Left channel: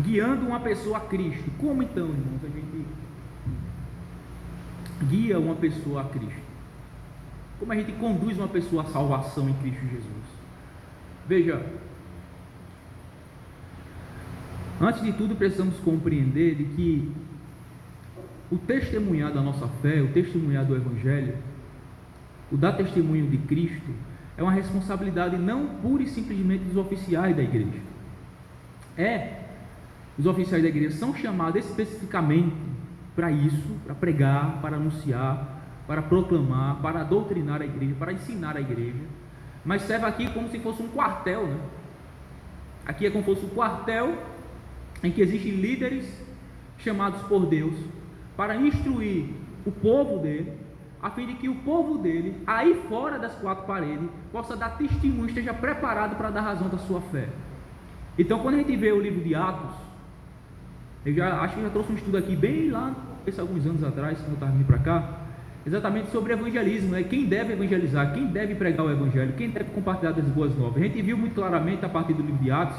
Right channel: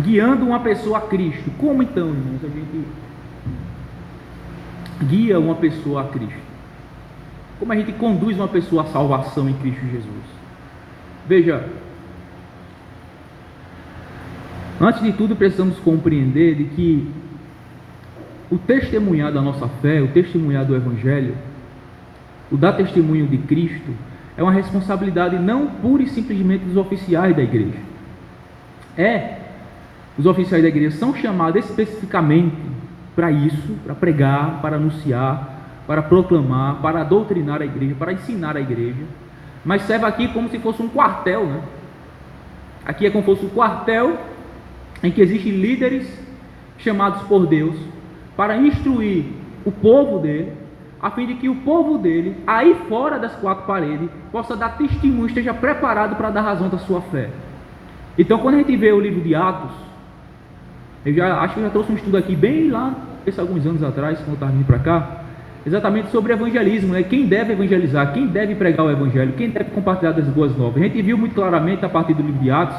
guiando uma pessoa a Cristo. Como então, irmãos, a gente guia uma pessoa a Cristo? Como a gente conduz uma pessoa à salvação em Cristo Jesus? Veja, antes de tudo precisamos compreender de que o testemunhar da nossa fé, o testemunhar do Evangelho, o dar testemunho de Cristo, é uma responsabilidade não pura e simplesmente dos oficiais da igreja. Os oficiais da igreja são chamados especificamente para isso, para pregar, para anunciar, para proclamar, para doutrinar a igreja, para ensinar a igreja, mas serve aqui como se fosse um quartel, né? Aqui é como se fosse um quartel em que existem líderes chamados por Deus para instruir o povo dele, a fim de que o povo dele, aí fora das quatro paredes, possa dar testemunho, esteja preparado para dar razão da sua fé. Então, quando a gente vê o livro de Atos, acho que eu já trouxe um estudo aqui bem lá, alguns anos atrás, quando eu estava vindo para cá, exatamente sobre evangelismo, né? Quem deve evangelizar, quem deve pregar o evangelho, quem deve compartilhar das boas novas. A gente viu muito claramente a partir do livro de Atos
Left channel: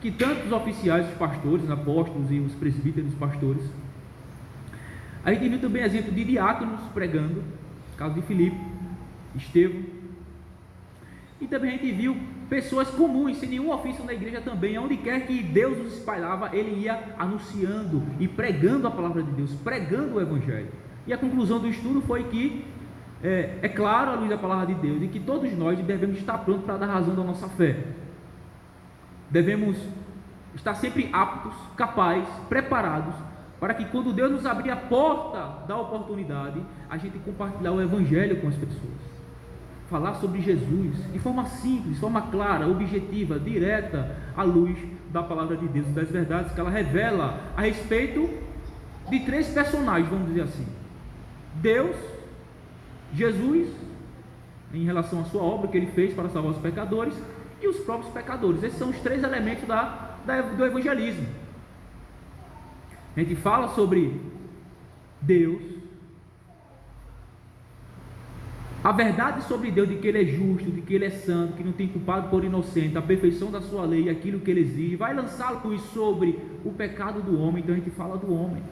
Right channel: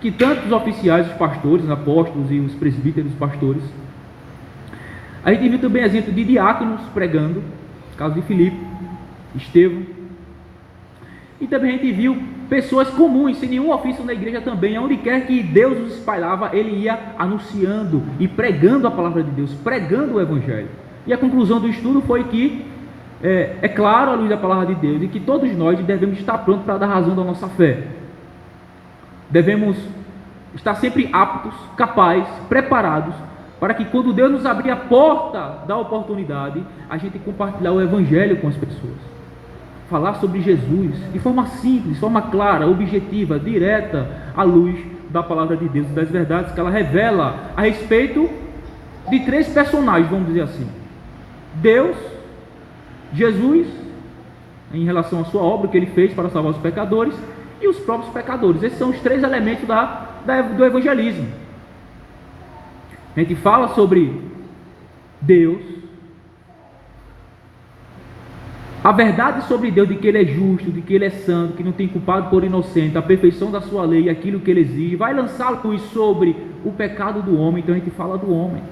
que tanto os oficiais, os pastores, os apóstolos e os presbíteros, os pastores, a gente viu também exemplo de diáconos pregando, caso de Filipe, Estevão, e também a gente viu pessoas comuns, sem nenhum ofício na igreja também, aonde quer que Deus os espalhava, ele ia anunciando e pregando a palavra de Deus, pregando o evangelho. E a conclusão do estudo foi que, é claro, à luz da palavra de Deus, e que todos nós devemos estar prontos para dar razão da nossa fé. Devemos estar sempre aptos, capazes, preparados, para que quando Deus nos abrir a porta da oportunidade, a gente compartilhar o evangelho com as pessoas. Falar sobre Jesus de forma simples, de forma clara, objetiva, direta, à luz da palavra de Deus, das verdades que ela revela a respeito de três personagens, vamos dizer assim: Deus, Jesus, em relação à sua obra que ele fez para salvar os pecadores, e os próprios pecadores. Esses são os três elementos do evangelismo. A gente fala sobre Deus, a verdade sobre Deus, de que ele é justo, de que ele é santo, que não tem culpado por inocente, a perfeição da sua lei, aquilo que ele exige, vai lançar luz sobre o pecado do homem. Então a gente fala do homem,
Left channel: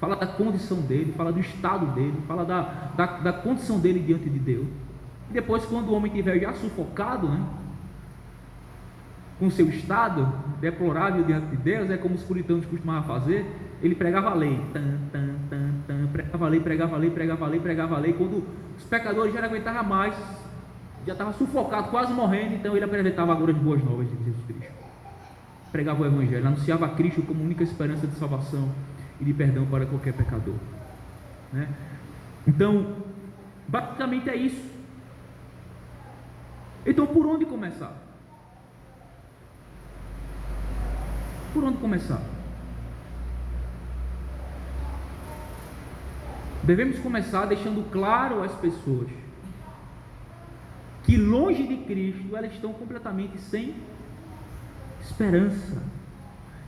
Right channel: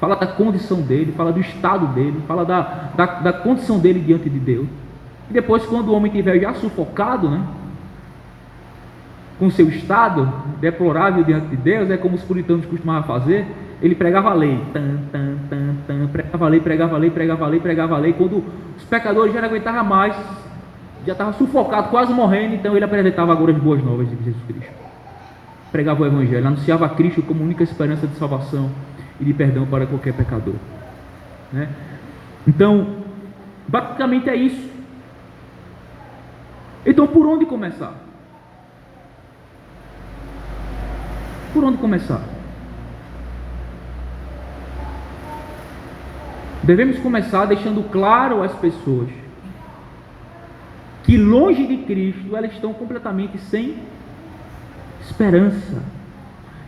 fala da condição dele, fala do estado dele, fala da condição dele diante de Deus. E depois, quando o homem estiver já sufocado, né, com seu estado deplorável diante de Deus, é como os puritanos costumavam fazer, ele pregava a lei, pregava a lei, pregava a lei, pregava a lei, pregava a lei. Quando os pecadores já não aguentavam mais, já estavam sufocados, quase morrendo, então ele apresentava agora as boas novas de Jesus Cristo, pregava o evangelho, anunciava a Cristo como única esperança de salvação e de perdão para qualquer pecador, né? Então, basicamente é isso. Então, por onde começar? Por onde começar? Devemos começar deixando claro às pessoas que longe de Cristo elas estão completamente sem esperança,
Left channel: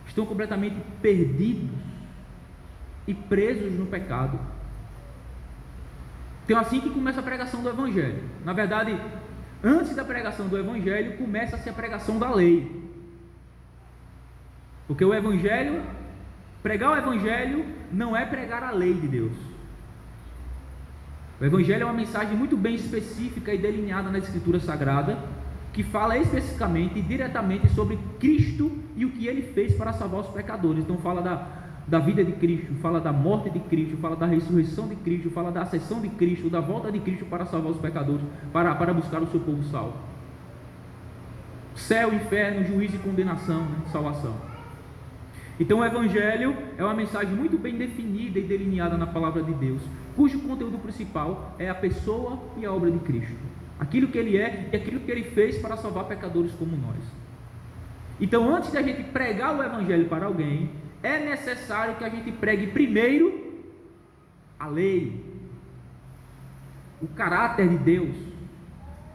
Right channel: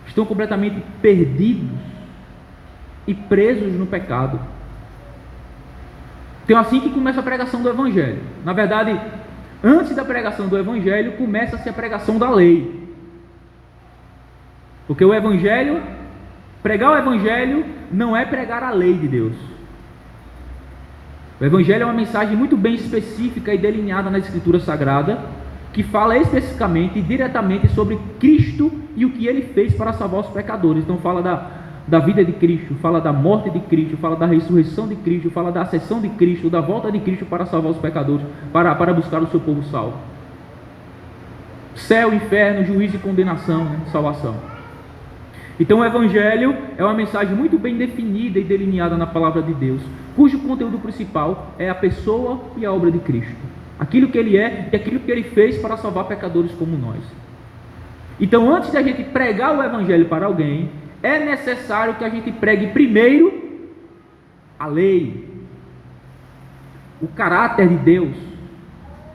estão completamente perdidos e presos no pecado. Então, assim que começa a pregação do Evangelho. Na verdade, antes da pregação do Evangelho, começa-se a pregação da lei. Porque o Evangelho, pregar o Evangelho não é pregar a lei de Deus. O Evangelho é uma mensagem muito bem específica e delineada na Escritura Sagrada, que fala especificamente e diretamente sobre Cristo e o que Ele fez para salvar os pecadores. Então fala da vida de Cristo, fala da morte de Cristo, fala da ressurreição de Cristo, fala da ascensão de Cristo, da volta de Cristo para salvar os pecadores, para buscar o seu povo salvo. Céu, inferno, juízo e condenação, né? Salvação. Então o Evangelho é uma mensagem muito bem definida e delineada na palavra de Deus, cujo conteúdo principal é a pessoa e a obra de Cristo, aquilo que Ele é e aquilo que Ele fez para salvar pecadores como nós. Então, antes da gente pregar o Evangelho para alguém, é necessário que a gente pregue primeiro a lei, o caráter de Deus,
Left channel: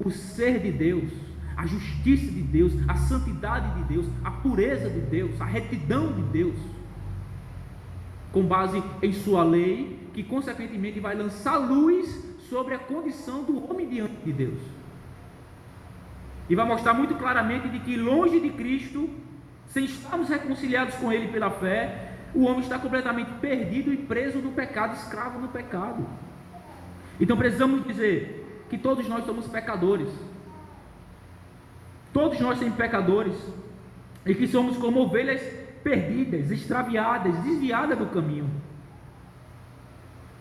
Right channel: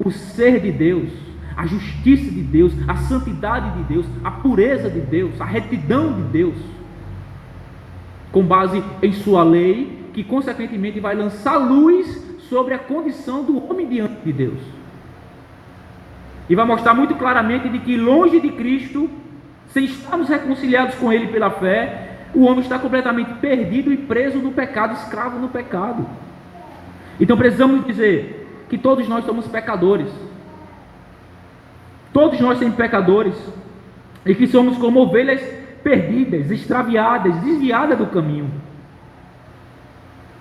o ser de Deus, a justiça de Deus, a santidade de Deus, a pureza de Deus, a retidão de Deus, com base em sua lei, que consequentemente vai lançar luz sobre a condição do homem diante de Deus, e vai mostrar muito claramente de que longe de Cristo Sem estarmos reconciliados com Ele pela fé, o homem está completamente perdido e preso no pecado, escravo no pecado. Então precisamos dizer que todos nós somos pecadores. Todos nós somos pecadores e que somos como ovelhas perdidas, extraviadas, desviadas do caminho.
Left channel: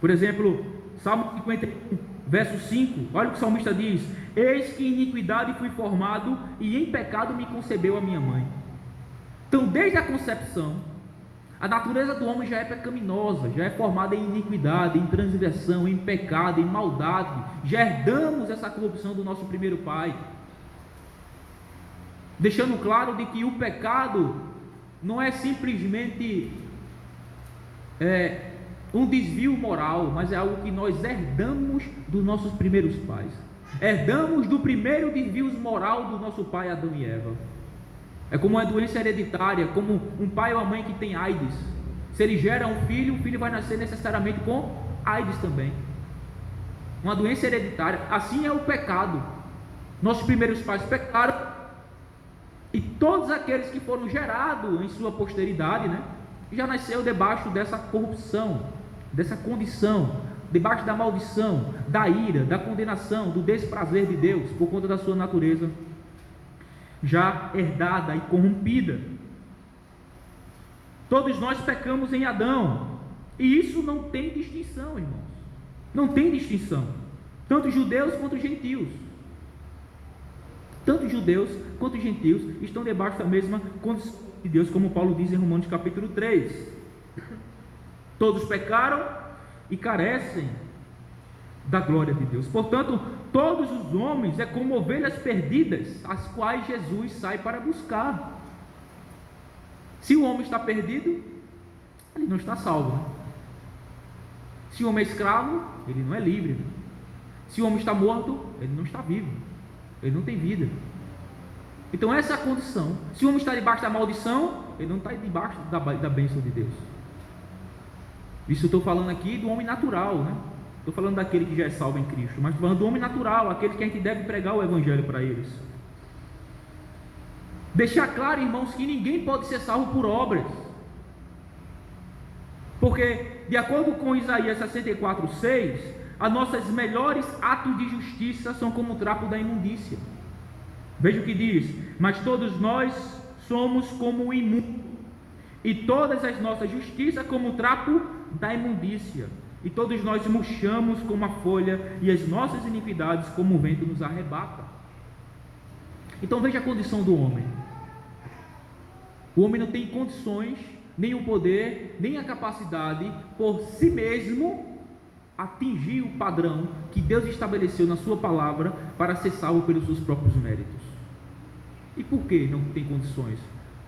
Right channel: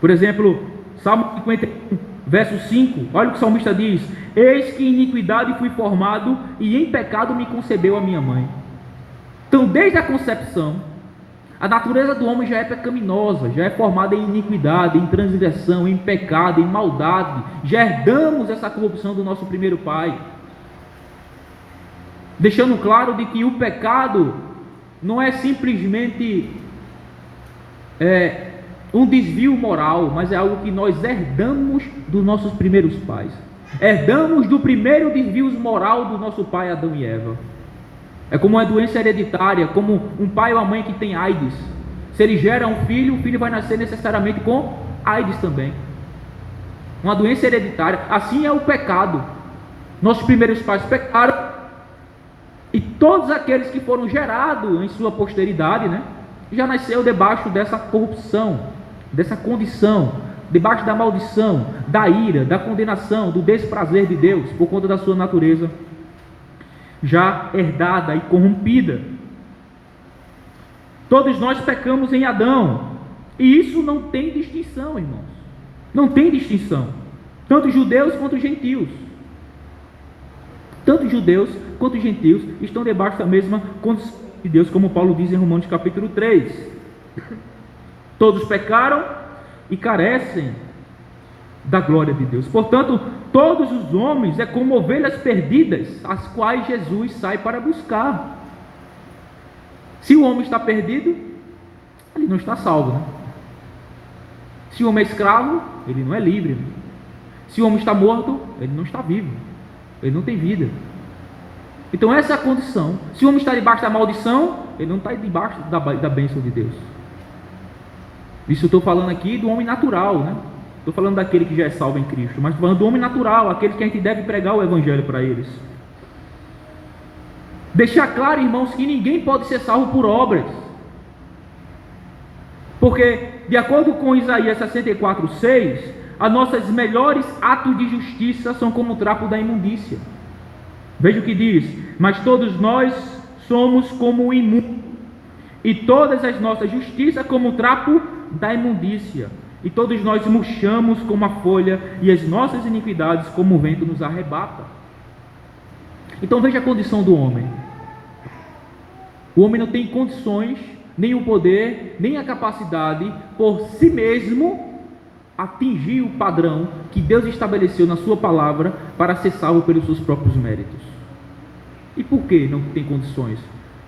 Por exemplo, Salmo 51, verso 5, olha o que o salmista diz: eis que em iniquidade fui formado e em pecado me concebeu a minha mãe. Então, desde a concepção, a natureza do homem já é pecaminosa, já é formada em iniquidade, em transgressão, em pecado, em maldade. Já herdamos essa corrupção do nosso primeiro pai, deixando claro de que o pecado não é simplesmente um desvio moral, mas é algo que nós herdamos dos nossos primeiros pais. Herdamos do primeiro desvio moral do nosso pai Adão e Eva. É como uma doença hereditária, como um pai ou uma mãe que tem AIDS. Se ele gera um filho, o filho vai nascer necessariamente com AIDS também. Uma doença hereditária. Assim é o pecado. Nossos primeiros pais pecaram, e todos aqueles que foram gerados em sua posteridade, né, já nasceu debaixo dessa corrupção, dessa condição, debaixo da maldição, da ira, da condenação, do desprazer de Deus, por conta da sua natureza já herdada e corrompida. Todos nós pecamos em Adão, e isso não tem distinção, irmãos. Não tem distinção. Tanto judeus quanto gentios. Tanto judeus quanto gentios estão debaixo da mesma condição de Deus, como Paulo diz em Romanos capítulo 3. Todos pecaram e carecem da glória de Deus. Portanto, todos os homens é como ovelhas perdidas, as quais Jesus sai para buscar. Se o homem está perdido, ele não está salvo, né? Se o homem é escravo, ele não é livre, né? Se o homem está morto, ele não está vivo, ele não tem vida. Então essa é a condição. Se o homem está debaixo da maldição, ele não está debaixo da bênção de Deus. Isso eu estou falando aqui do homem natural, né? Estou falando daquele que já é salvo em Cristo, mas estou falando do homem natural, aquele que a gente deve pregar o Evangelho para eles. Deixar claro, irmãos, que ninguém pode ser salvo por obras, porque, de acordo com Isaías 64:6, as nossas melhores atos de justiça são como o trapo da imundícia. Veja o que diz: mas todos nós somos como o imundo, e todas as nossas justiças como o trapo da imundícia. E todos nós murchamos como a folha, e as nossas iniquidades como o vento nos arrebata. Então veja a condição do homem. O homem não tem condições, nem o poder, nem a capacidade, por si mesmo, atingir o padrão que Deus estabeleceu na sua palavra para ser salvo pelos seus próprios méritos. E por que não tem condições?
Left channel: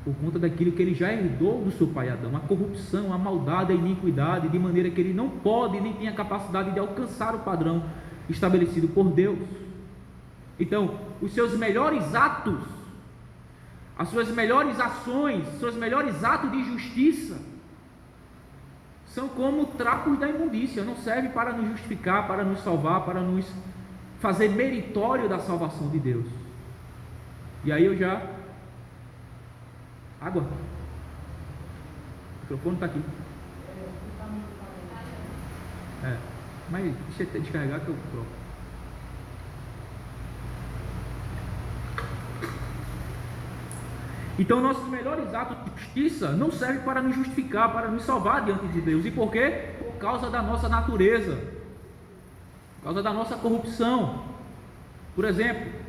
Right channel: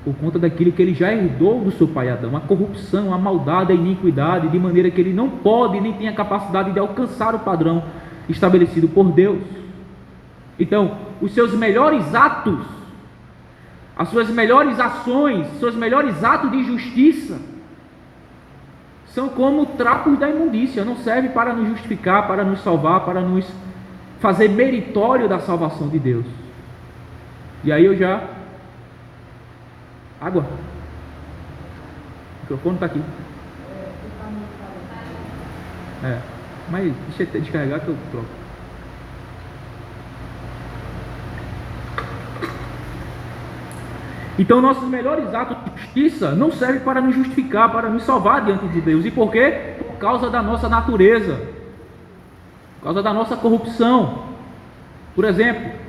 Por conta daquilo que ele já herdou do seu pai Adão, a corrupção, a maldade, a iniquidade, de maneira que ele não pode, nem tem a capacidade de alcançar o padrão estabelecido por Deus. Então, os seus melhores atos, as suas melhores ações, seus melhores atos de justiça, são como trapos da imundícia, não serve para nos justificar, para nos salvar, para nos fazer meritório da salvação de Deus. E aí eu já... Água. O microfone está aqui. Mas deixa eu descarregar que eu troco. Então nossos melhores atos de justiça não servem para nos justificar, para nos salvar diante de Deus. E por quê? Por causa da nossa natureza, por causa da nossa corrupção. Por exemplo,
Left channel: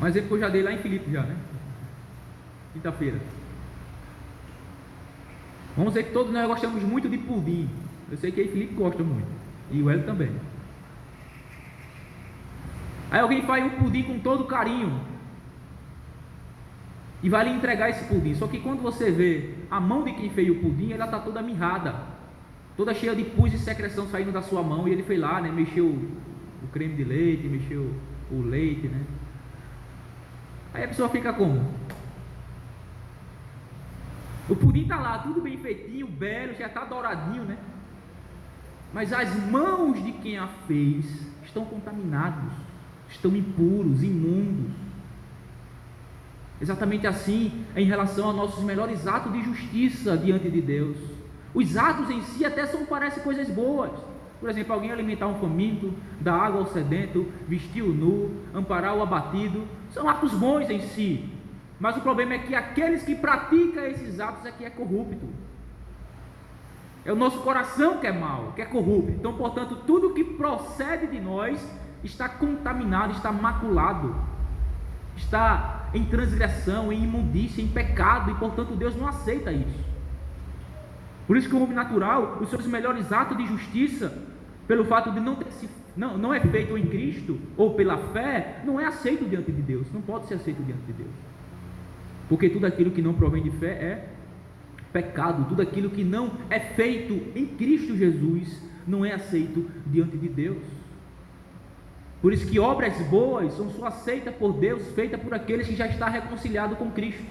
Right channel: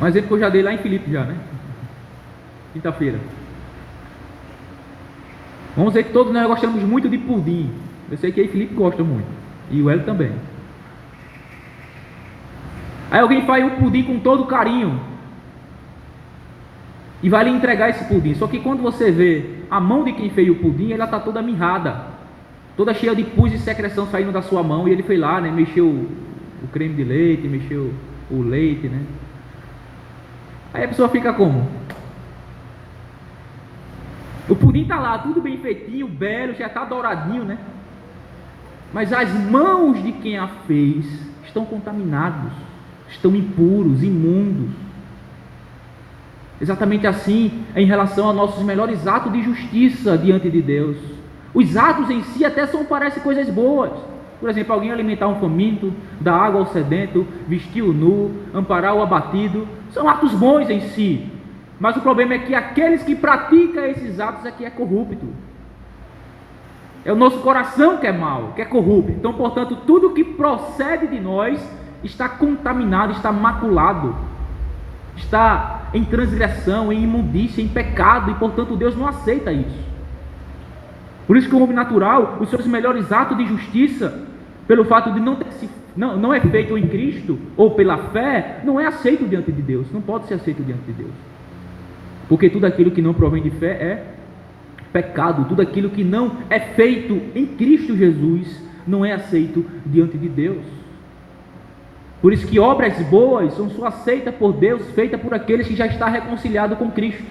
um exemplo que eu já dei lá em Filipe já, né? Quinta-feira. Vamos dizer que todos nós gostamos muito de pudim. Eu sei que aí Filipe gosta muito. E o Hélio também. Aí alguém faz o pudim com todo carinho e vai lhe entregar esse pudim. Só que quando você vê a mão de quem fez o pudim, ela está toda mirrada, toda cheia de pus e secreção saindo da sua mão. E ele foi lá, né? Mexeu o creme de leite, mexeu o leite, né? Aí a pessoa fica como? O pudim está lá, tudo bem feitinho, belo, já está douradinho, né? Mas as mãos de quem a fez estão contaminados, estão impuros, imundos. Exatamente assim é em relação aos nossos melhores atos de justiça diante de Deus. Os atos em si até parecem coisas boas. Por exemplo, alguém alimentar um faminto, dar água ao sedento, vestir o nu, amparar o abatido, são atos bons em si. Mas o problema é que aqueles que praticam esses atos é que é corrupto. É o nosso coração que é mau, que é corrupto. Então, portanto, tudo que procede de nós está contaminado, está maculado, está em transgressão, em imundícia, em pecado, e portanto Deus não aceita isso. Por isso que o homem natural, os seus melhores atos de justiça, pelo fato de não é feito em Cristo, ou pela fé, não é aceito diante de Deus, não pode ser aceito diante de Deus. Porque tudo aquilo que não provém de fé é pecado, tudo aquilo que não é feito em Cristo Jesus, não é aceito diante de Deus. Por isso que obras boas são só aceitas por Deus, feitas por aqueles que já estão reconciliados com Cristo.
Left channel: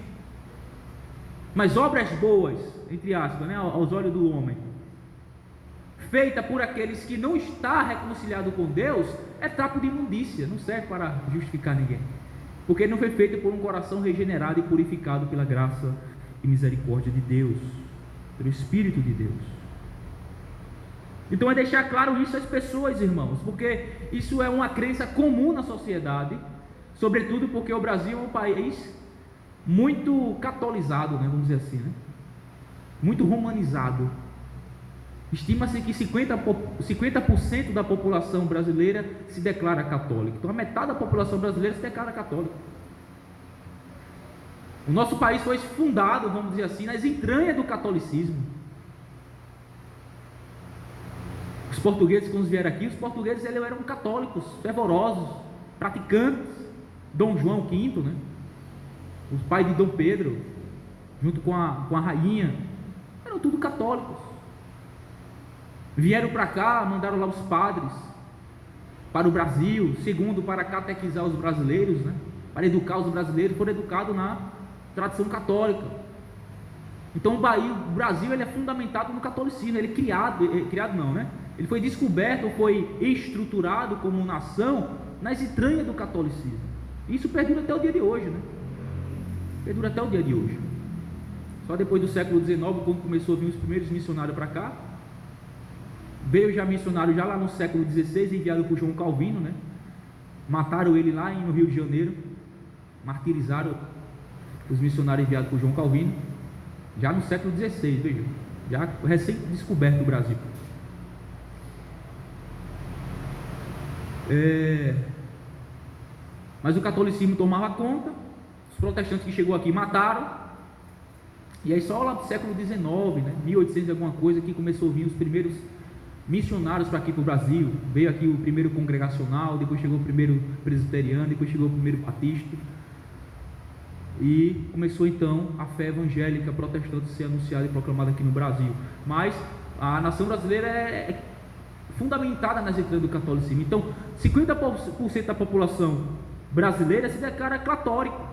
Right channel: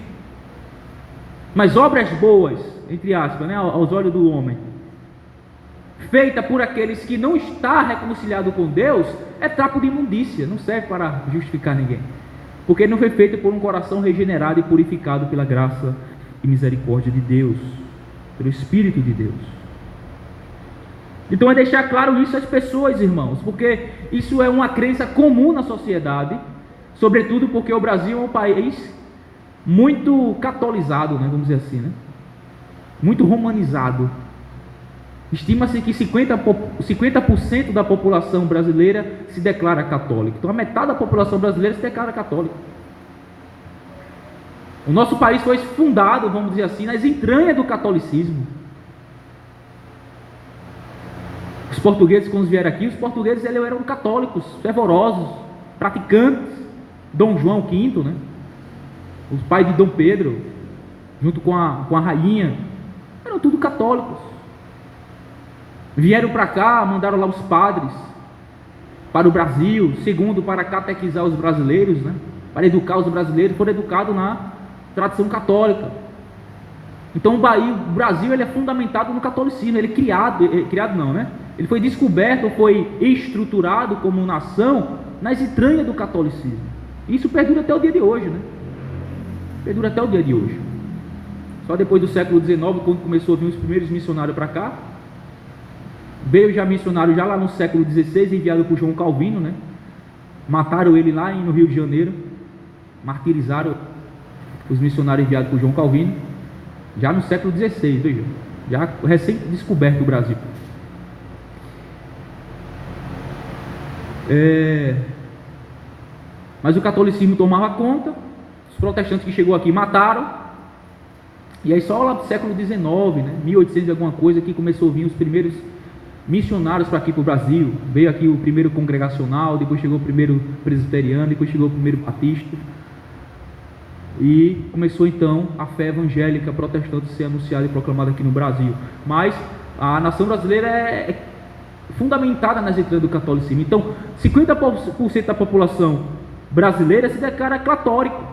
Mas obras boas, entre aspas, aos olhos do homem, feita por aqueles que não estão reconciliados com Deus, é trapo de imundícia, não serve para justificar ninguém, porque não foi feito por um coração regenerado e purificado pela graça e misericórdia de Deus, pelo Espírito de Deus. Então é deixar claro isso às pessoas, irmãos, porque isso é uma crença comum na sociedade, sobretudo porque o Brasil é um país muito catolizado, vamos dizer assim, muito romanizado. Estima-se que 50% da população brasileira se declara católica. Então a metade da população brasileira se declara católica. O nosso país foi fundado, vamos dizer assim, nas entranhas do catolicismo. Os portugueses, quando vieram aqui, os portugueses eram católicos, fervorosos, praticantes. Dom João V, o pai de Dom Pedro, junto com a rainha, eram tudo católicos. Vieram para cá, mandaram lá os padres para o Brasil, segundo para catequizar os brasileiros, para educar os brasileiros, foram educados na tradição católica. Então o Brasil ele é fundamentado no catolicismo, ele ele foi descoberto, foi estruturado como nação nas entranhas do catolicismo. Isso perdura até o dia de hoje, Perdura até o dia de hoje. Só depois do século XIX, quando começou a vir os primeiros missionários para cá, veio já missionário já lá no século XVI, enviado por João Calvino, Mataram ele lá no Rio de Janeiro, martirizaram os missionários enviados por João Calvino, já no século XVI, veja, já recém-descoberto o Brasil. Mas o catolicismo tomava conta, os protestantes que chegou aqui mataram, e aí só lá do século XIX, 1800 e alguma coisa, que começou a vir os primeiros missionários para aqui para o Brasil. Veio aqui o primeiro congregacional, depois chegou o primeiro presbiteriano, depois chegou o primeiro batista, e começou então a fé evangélica protestante a ser anunciada e proclamada aqui no Brasil. Mas a nação brasileira é fundamentada nas entranhas do catolicismo. Então 50% da população brasileira se declara católica,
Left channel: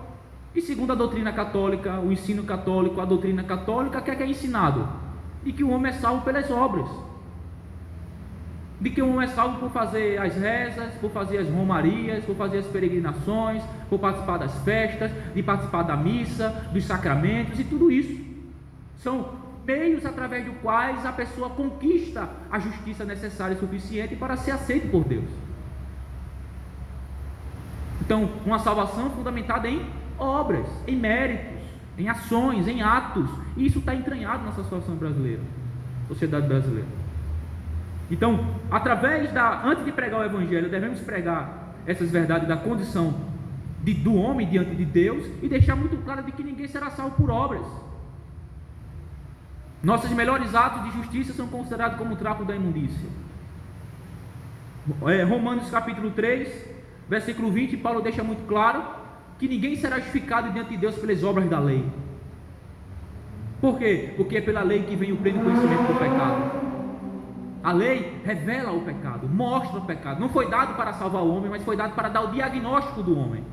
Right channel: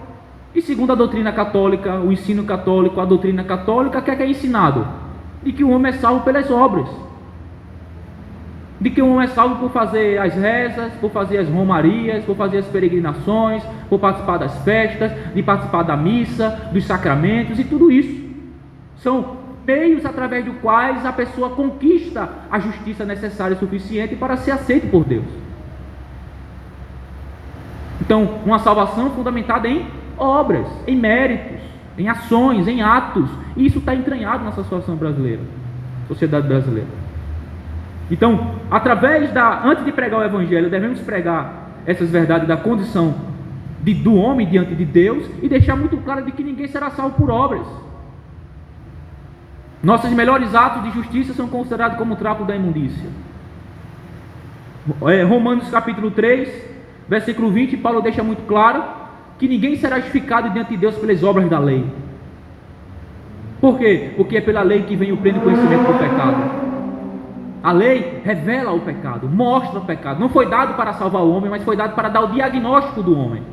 e segundo a doutrina católica, o ensino católico, a doutrina católica, o que é ensinado? De que o homem é salvo pelas obras, de que o homem é salvo por fazer as rezas, por fazer as romarias, por fazer as peregrinações, por participar das festas, de participar da missa, dos sacramentos, e tudo isso são meios através dos quais a pessoa conquista a justiça necessária e suficiente para ser aceito por Deus. Então, uma salvação fundamentada em obras, em méritos, em ações, em atos. E isso está entranhado nessa situação brasileira, sociedade brasileira. Então, antes de pregar o Evangelho, devemos pregar essas verdades da condição do homem diante de Deus, e deixar muito claro de que ninguém será salvo por obras. Nossos melhores atos de justiça são considerados como trapo da imundícia. Romanos capítulo 3, versículo 20, Paulo deixa muito claro que ninguém será justificado diante de Deus pelas obras da lei. Por quê? Porque é pela lei que vem o pleno conhecimento do pecado. A lei revela o pecado, mostra o pecado. Não foi dado para salvar o homem, mas foi dado para dar o diagnóstico do homem.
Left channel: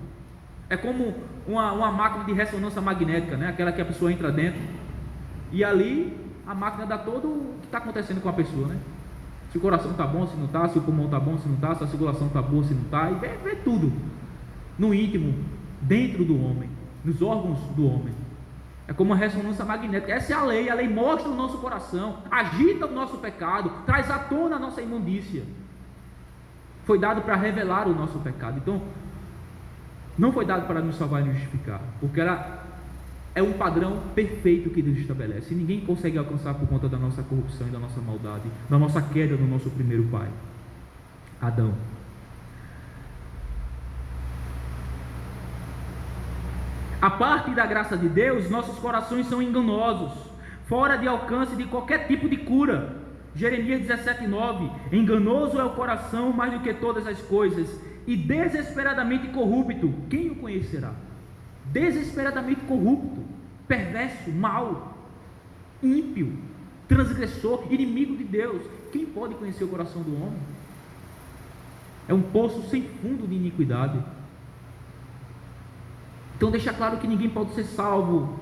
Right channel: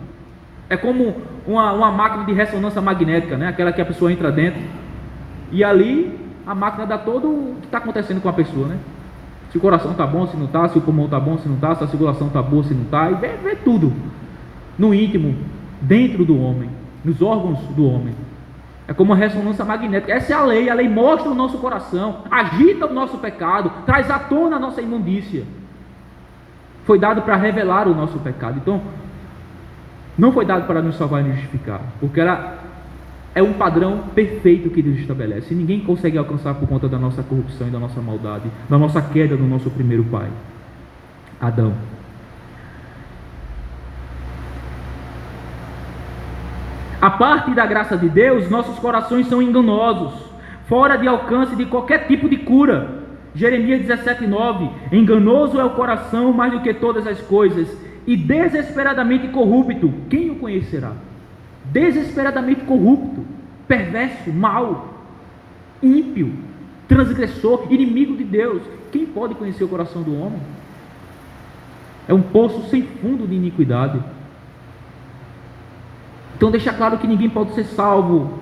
É como uma máquina de ressonância magnética, aquela que a pessoa entra dentro, e ali a máquina dá todo o que está acontecendo com a pessoa, Se o coração está bom, se não está, se o pulmão está bom, se não está, se a circulação está boa, se não está, e vê tudo no íntimo, dentro do homem. nos órgãos do homem. É como uma ressonância magnética. Essa é a lei mostra o nosso coração, agita o nosso pecado, traz à tona a nossa imundícia. Foi dado para revelar o nosso pecado. Então, não foi dado para nos salvar e nos justificar, porque ela é um padrão perfeito que Deus estabelece, e ninguém consegue alcançar por conta da nossa corrupção e da nossa maldade, da nossa queda do nosso primeiro pai, Adão. A parte da graça de Deus, nossos corações são enganosos, fora de alcance de qualquer tipo de cura. Jeremias 17:9, enganoso é o coração mais do que todas as coisas, e desesperadamente corrupto, quem o conhecerá? Desesperadamente corrupto, perverso, mau, ímpio, transgressor, inimigo de Deus, quem pode conhecer o coração do homem? É um poço sem fundo de iniquidade. Então deixa claro que ninguém pode ser salvo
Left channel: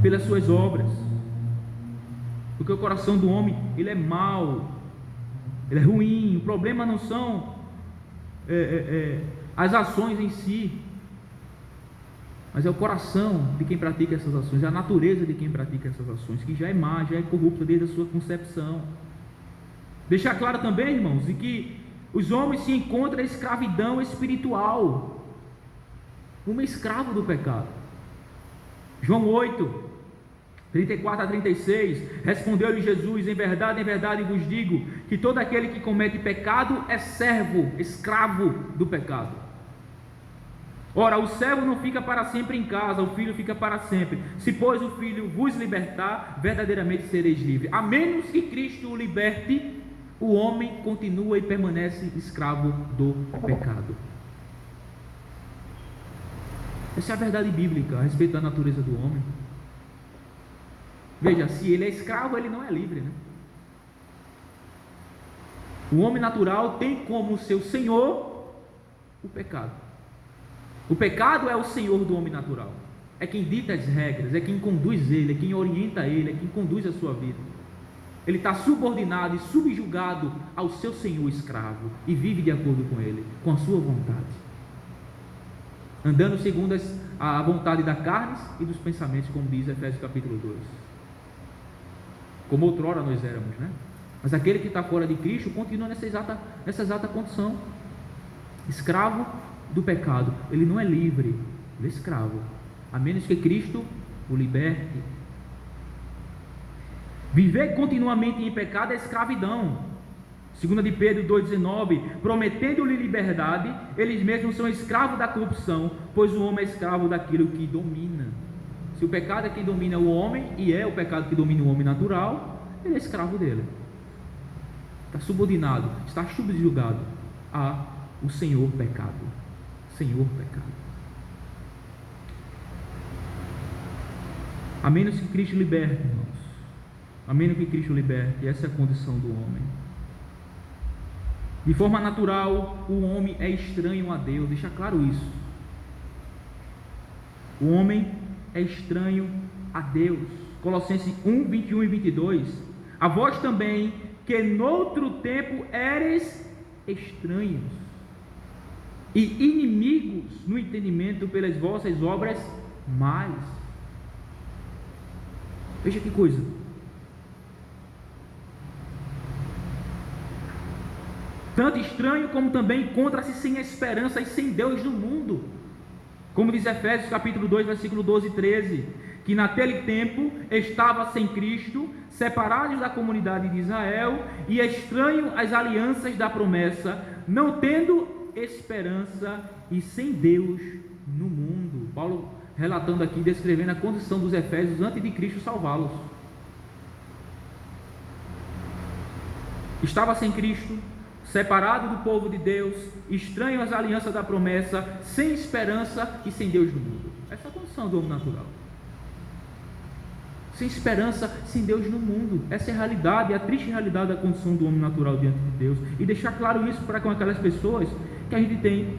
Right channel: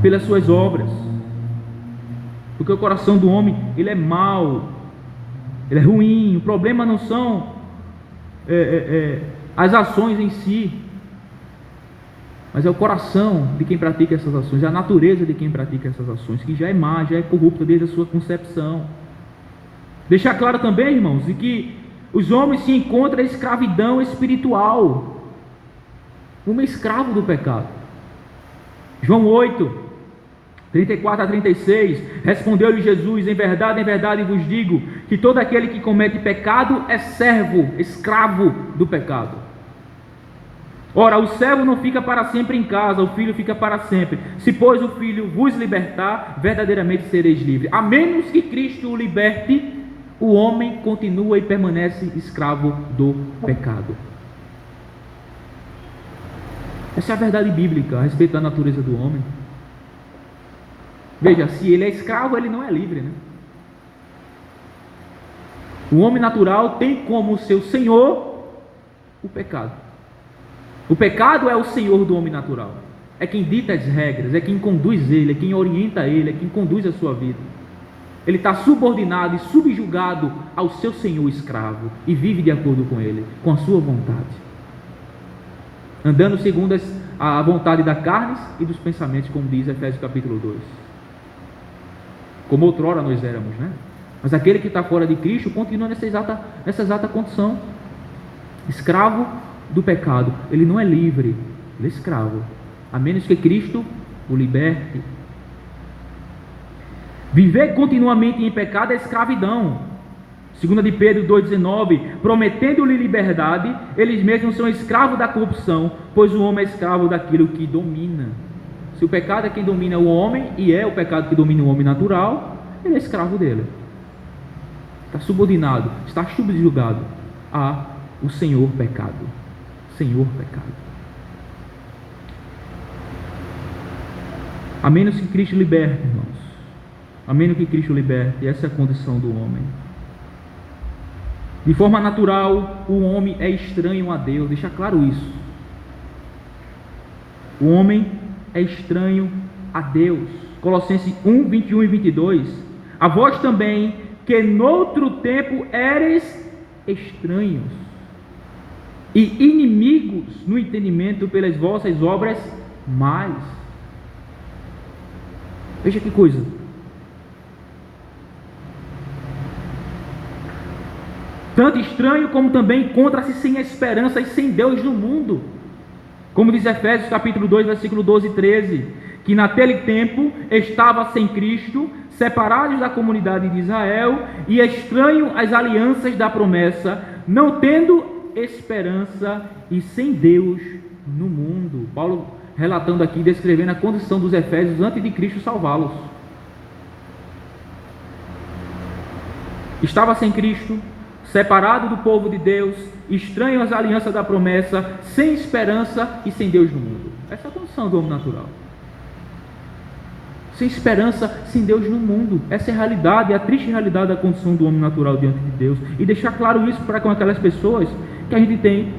pelas suas obras, porque o coração do homem, ele é mau, ele é ruim. O problema não são as ações em si, mas é o coração de quem pratica essas ações, é a natureza de quem pratica essas ações, que já é má, já é corrupta desde a sua concepção. Deixar claro também, irmãos, de que os homens se encontram em escravidão espiritual, como escravo do pecado. João 8, 34 a 36, respondeu-lhe Jesus, em verdade vos digo, que todo aquele que comete pecado é servo, escravo do pecado. Ora, o servo não fica para sempre em casa, o filho fica para sempre. Se, pois, o filho vos libertar, verdadeiramente sereis livres. A menos que Cristo o liberte, o homem continua e permanece escravo do pecado. Essa é a verdade bíblica a respeito da natureza do homem. Veja, se ele é escravo, ele não é livre, né? O homem natural tem como seu senhor o pecado. O pecado é o senhor do homem natural. É quem dita as regras, é quem conduz ele, é quem orienta ele, é quem conduz a sua vida. Ele está subordinado e subjugado ao seu senhor escravo e vive de acordo com ele, com a sua vontade, andando segundo a vontade da carne e dos pensamentos, como diz Efésios capítulo 2. Como outrora nós éramos, né? Mas aquele que está fora de Cristo continua nessa exata condição, escravo do pecado. Ele não é livre, ele é escravo, a menos que Cristo o liberte. Viver continuamente em pecado é escravidão. 2 de Pedro 2,19, prometendo-lhe liberdade, eles mesmos são escravos da corrupção, pois o homem é escravo daquilo que domina. Se o pecado é quem domina o homem, e é o pecado que domina o homem natural, ele é escravo dele. Está subordinado, está subjugado a o Senhor pecado. Senhor pecado. A menos que Cristo liberte, irmãos. A menos que Cristo liberte, essa é a condição do homem. De forma natural, o homem é estranho a Deus, deixa claro isso. O homem é estranho a Deus. Colossenses 1, 21 e 22. A vós também, que noutro tempo éreis estranhos e inimigos no entendimento pelas vossas obras más. Veja que coisa. Tanto estranho como também encontra-se sem esperança e sem Deus no mundo. Como diz Efésios capítulo 2, versículo 12 e 13, que naquele tempo estava sem Cristo, separados da comunidade de Israel e estranho às alianças da promessa, não tendo esperança e sem Deus no mundo. Paulo relatando aqui, descrevendo a condição dos efésios antes de Cristo salvá-los. Estava sem Cristo, separado do povo de Deus, estranho às alianças da promessa, sem esperança e sem Deus no mundo. Essa é a condição do homem natural. Sem esperança, sem Deus no mundo. Essa é a realidade, a triste realidade da condição do homem natural diante de Deus. E deixar claro isso para com aquelas pessoas que a gente tem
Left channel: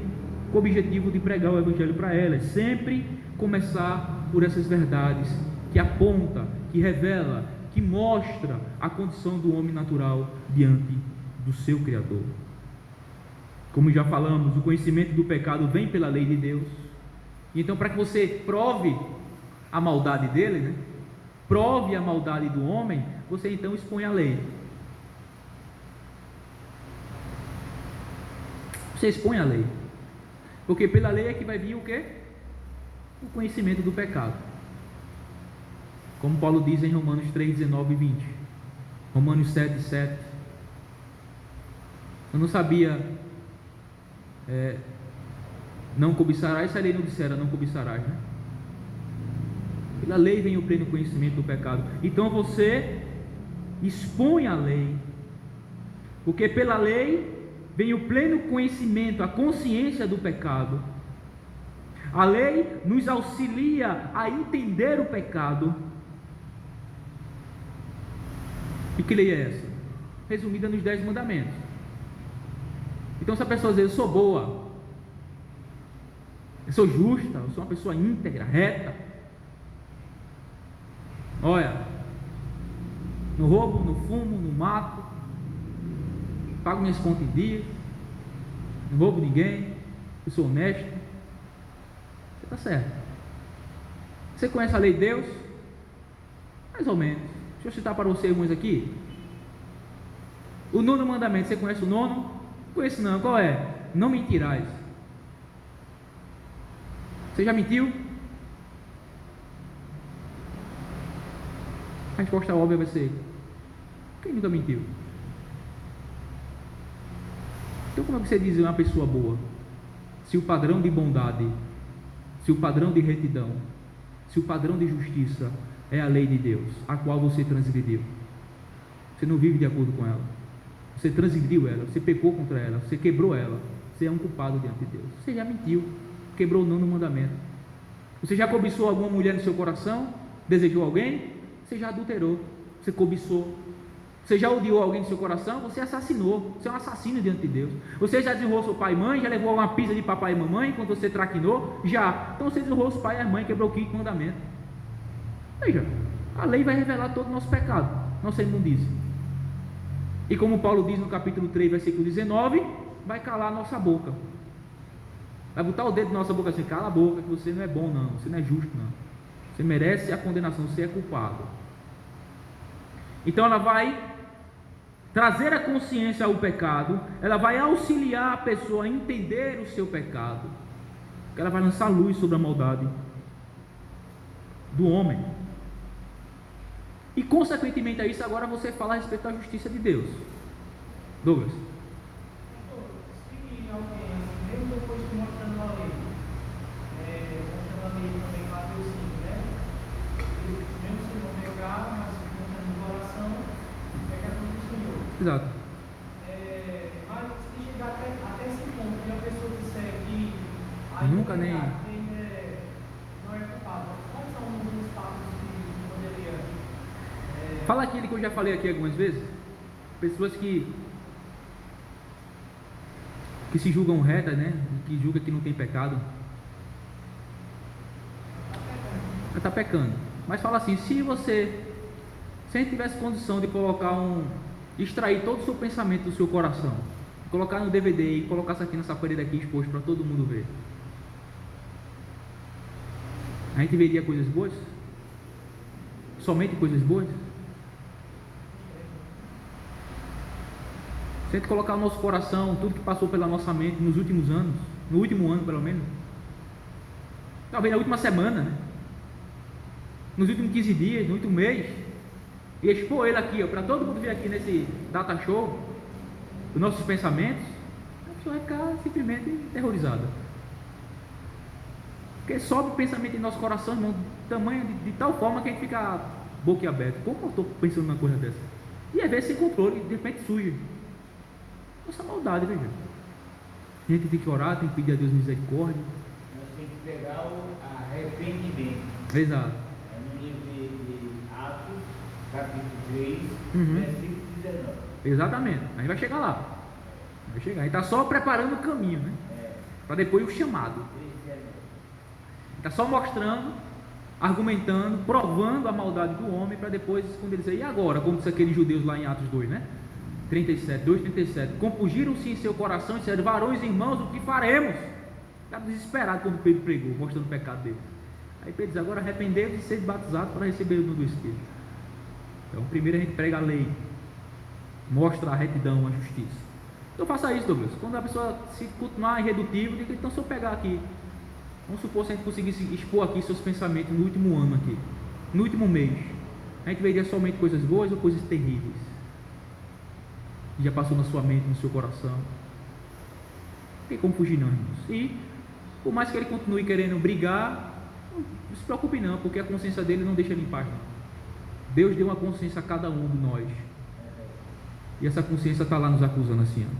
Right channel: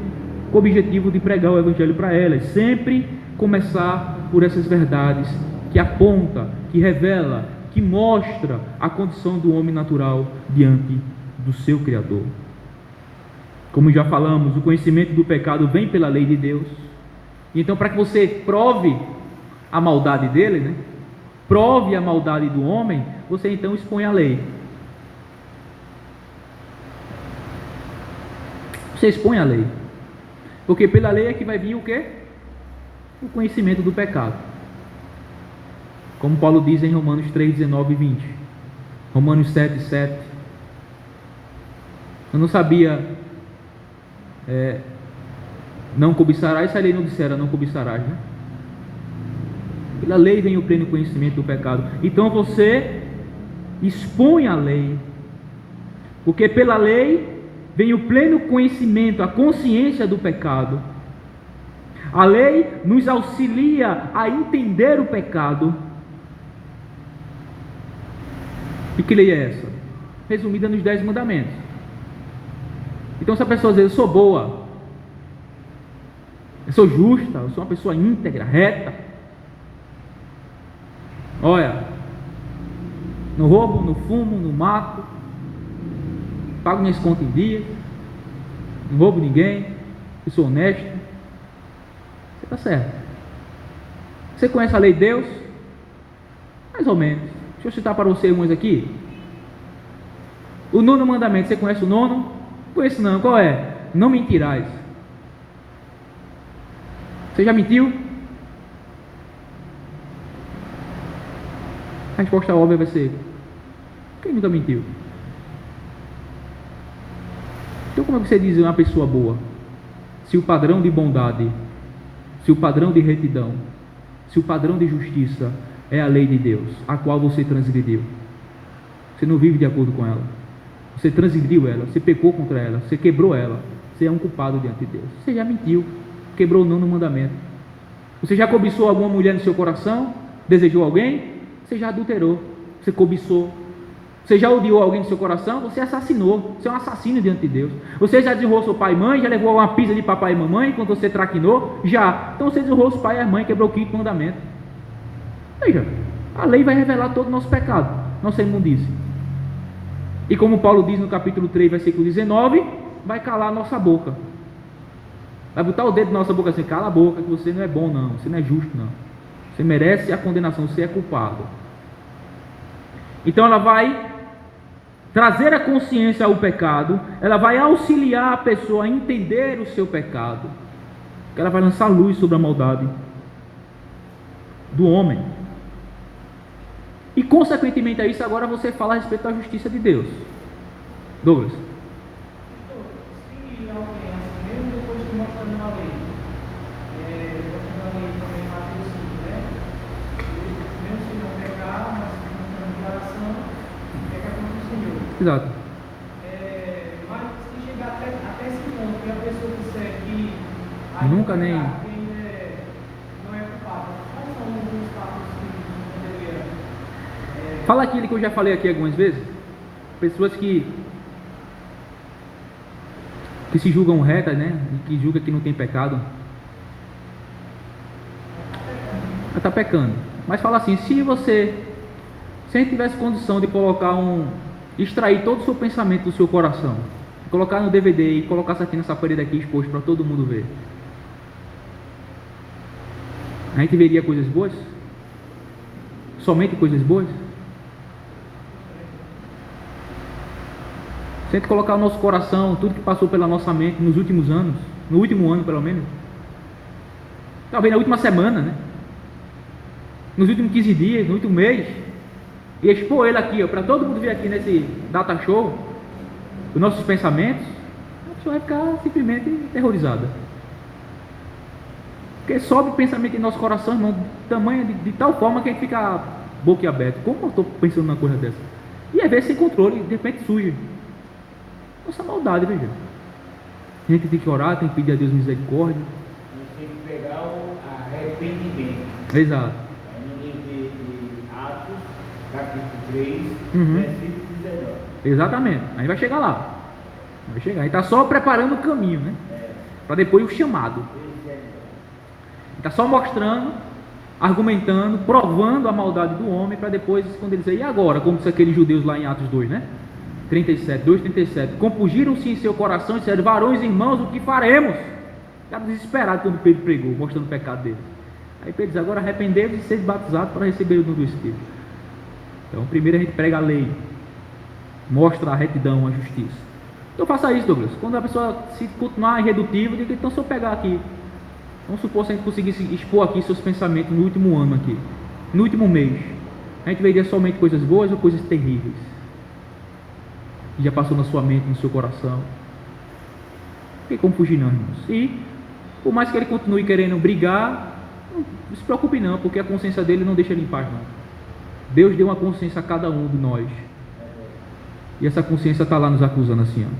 o objetivo de pregar o Evangelho para elas. Sempre começar por essas verdades que aponta, que revela, que mostra a condição do homem natural diante do seu Criador. Como já falamos, o conhecimento do pecado vem pela lei de Deus. Então, para que você prove a maldade dele, né? Prove a maldade do homem, você então expõe a lei. Você expõe a lei. Porque pela lei é que vai vir o quê? O conhecimento do pecado. Como Paulo diz em Romanos 3, 19 e 20. Romanos 7, 7. Eu não sabia, não cobiçarás, se a lei não dissera não cobiçarás, né? Pela lei vem o pleno conhecimento do pecado. Então você expõe a lei. Porque pela lei vem o pleno conhecimento, a consciência do pecado. A lei nos auxilia a entender o pecado. E que lei é essa? Resumida nos 10 mandamentos. Então, se a pessoa diz, eu sou boa, eu sou justa, eu sou uma pessoa íntegra, reta, olha, não roubo, não fumo, não mato, pago minhas contas em dia, não roubo ninguém, eu sou honesto, você está certo. Você conhece a lei de Deus? Mais ou menos. Deixa eu citar para você umas aqui. O 9º mandamento, você conhece o 9º? Conheço não, qual é? Não mentirás. Você já mentiu? A resposta óbvia vai ser: quem nunca mentiu? Então como é que você diz uma pessoa boa? Se o padrão de bondade, se o padrão de retidão, se o padrão de justiça é a lei de Deus, a qual você transgrediu. Você não vive de acordo com ela. Você transgrediu ela, você pecou contra ela, você quebrou ela. Você é um culpado diante de Deus. Você já mentiu, quebrou o 9º mandamento. Você já cobiçou alguma mulher no seu coração? Desejou alguém? Você já adulterou, você cobiçou. Você já odiou alguém no seu coração? Você assassinou, você é um assassino diante de Deus. Você já desonrou seu pai e mãe? Já levou uma pizza de papai e mamãe quando você traquinou? Já. Então você desonrou os pai e a mãe, quebrou o 5º mandamento. Veja, a lei vai revelar todo o nosso pecado, nossa imundície. E como Paulo diz no capítulo 3, versículo 19, vai calar a nossa boca. Vai botar o dedo na nossa boca assim: cala a boca, que você não é bom não, você não é justo não. Você merece a condenação, você é culpado. Então ela vai trazer a consciência ao pecado, ela vai auxiliar a pessoa a entender o seu pecado. Ela vai lançar luz sobre a maldade do homem. E consequentemente a isso, agora você fala a respeito da justiça de Deus. Douglas. Se alguém, mesmo depois de mostrando a lei, mostrando a lei também Mateus 5, né? Mesmo se não pecar, mas mostrando o coração, pega contra o Senhor. Exato. Mas se chegar até esse ponto, que a pessoa disser que nunca nem não é culpado, quais são os passos que poderia... Fala aquilo que eu já falei aqui algumas vezes. Pessoas que se julgam retas, né? E que julgam que não tem pecado. Ela está pecando. Mas fala assim: se a gente tivesse condição de extrair todo o seu pensamento do seu coração, colocar no DVD e colocar isso aqui nessa parede aqui exposto para todo mundo ver, a gente veria coisas boas? Somente coisas boas? Se a gente colocar no nosso coração tudo que passou pela nossa mente nos últimos anos, no último ano pelo menos, talvez na última semana, né? Nos últimos 15 dias, no último mês, e expor ele aqui, para todo mundo ver aqui nesse data show, os nossos pensamentos, a pessoa vai ficar simplesmente aterrorizada. Porque sobe o pensamento em nosso coração, irmão, tamanho de tal forma que a gente fica boquiaberto. Como eu estou pensando numa coisa dessa? E às vezes sem controle, de repente surge. Nossa maldade, veja. A gente tem que orar, tem que pedir a Deus misericórdia. A gente tem que pegar o arrependimento. Exato. No livro de Atos, capítulo 3, Uhum. versículo 19. Exatamente. A gente vai chegar lá. Vai chegar. A gente está só preparando o caminho, né? Para depois o chamado. Está só mostrando, argumentando, provando a maldade do homem, para depois, quando ele dizer, e agora? Como disse aqueles judeus lá em Atos 2, né? 37, 2,37. Compungiram-se em seu coração e disseram: varões e irmãos, o que faremos? Ficaram desesperados quando Pedro pregou, mostrando o pecado dele. Aí Pedro diz: agora arrependei-vos e sede batizados para receber o dom do Espírito. Então, primeiro a gente prega a lei, mostra a retidão, a justiça. Então faça isso, Douglas. Quando a pessoa se continuar irredutível, diga: então se eu pegar aqui, vamos supor se a gente conseguisse expor aqui seus pensamentos no último ano aqui, no último mês, a gente veria somente coisas boas ou coisas terríveis que já passou na sua mente, no seu coração? Não tem como fugir não, irmãos. E por mais que ele continue querendo brigar, não se preocupe não, porque a consciência dele não deixa ele em paz não. Deus deu uma consciência a cada um de nós, e essa consciência está lá nos acusando assim, ó:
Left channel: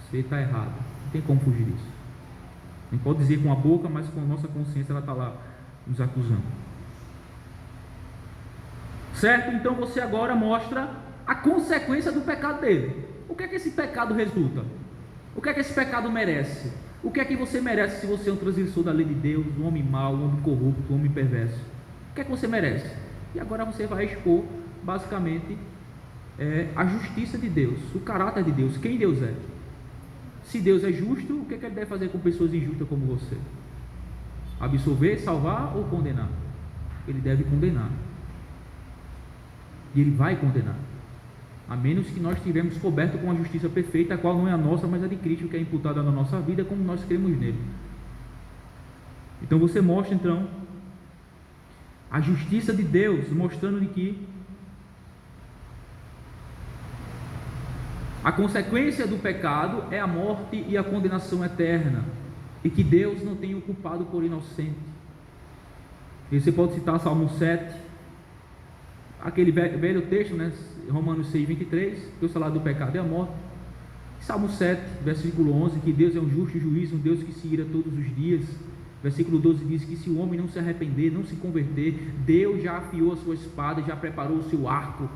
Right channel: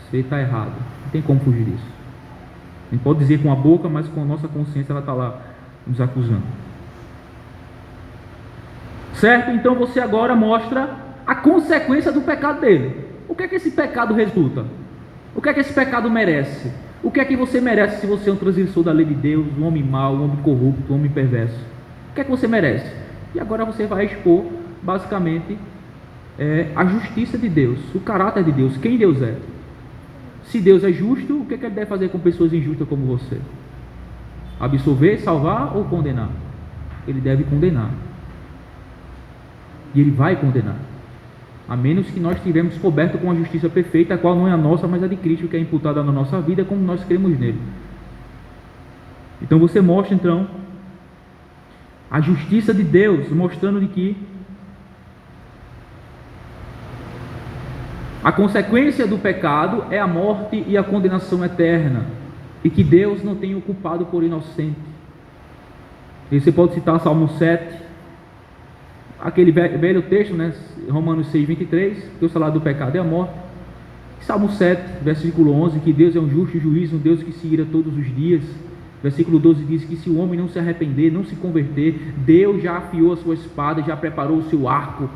você está errado. Não tem como fugir disso. A gente pode dizer com a boca, mas com a nossa consciência ela está lá nos acusando. Certo? Então você agora mostra a consequência do pecado dele. O que é que esse pecado resulta? O que é que esse pecado merece? O que é que você merece se você é um transgressor da lei de Deus, um homem mau, um homem corrupto, um homem perverso? O que é que você merece? E agora você vai expor, basicamente, a justiça de Deus, o caráter de Deus, quem Deus é. Se Deus é justo, o que é que ele deve fazer com pessoas injustas como você? Absolver, salvar ou condenar? Ele deve condenar. E ele vai condenar, a menos que nós estivermos cobertos com a justiça perfeita, a qual não é a nossa, mas a de Cristo, que é imputada na nossa vida, como nós cremos nele. Então você mostra então a justiça de Deus, mostrando de que a consequência do pecado é a morte e a condenação eterna, e que Deus não tem o culpado por inocente. E você pode citar Salmo 7, aquele velho texto, né? Romanos 6,23, que o salário do pecado é a morte. Salmo 7, versículo 11, que Deus é um justo juiz, um Deus que se ira todos os dias. Versículo 12 diz que se o homem não se arrepender, não se converter, Deus já afiou a sua espada, já preparou o seu arco.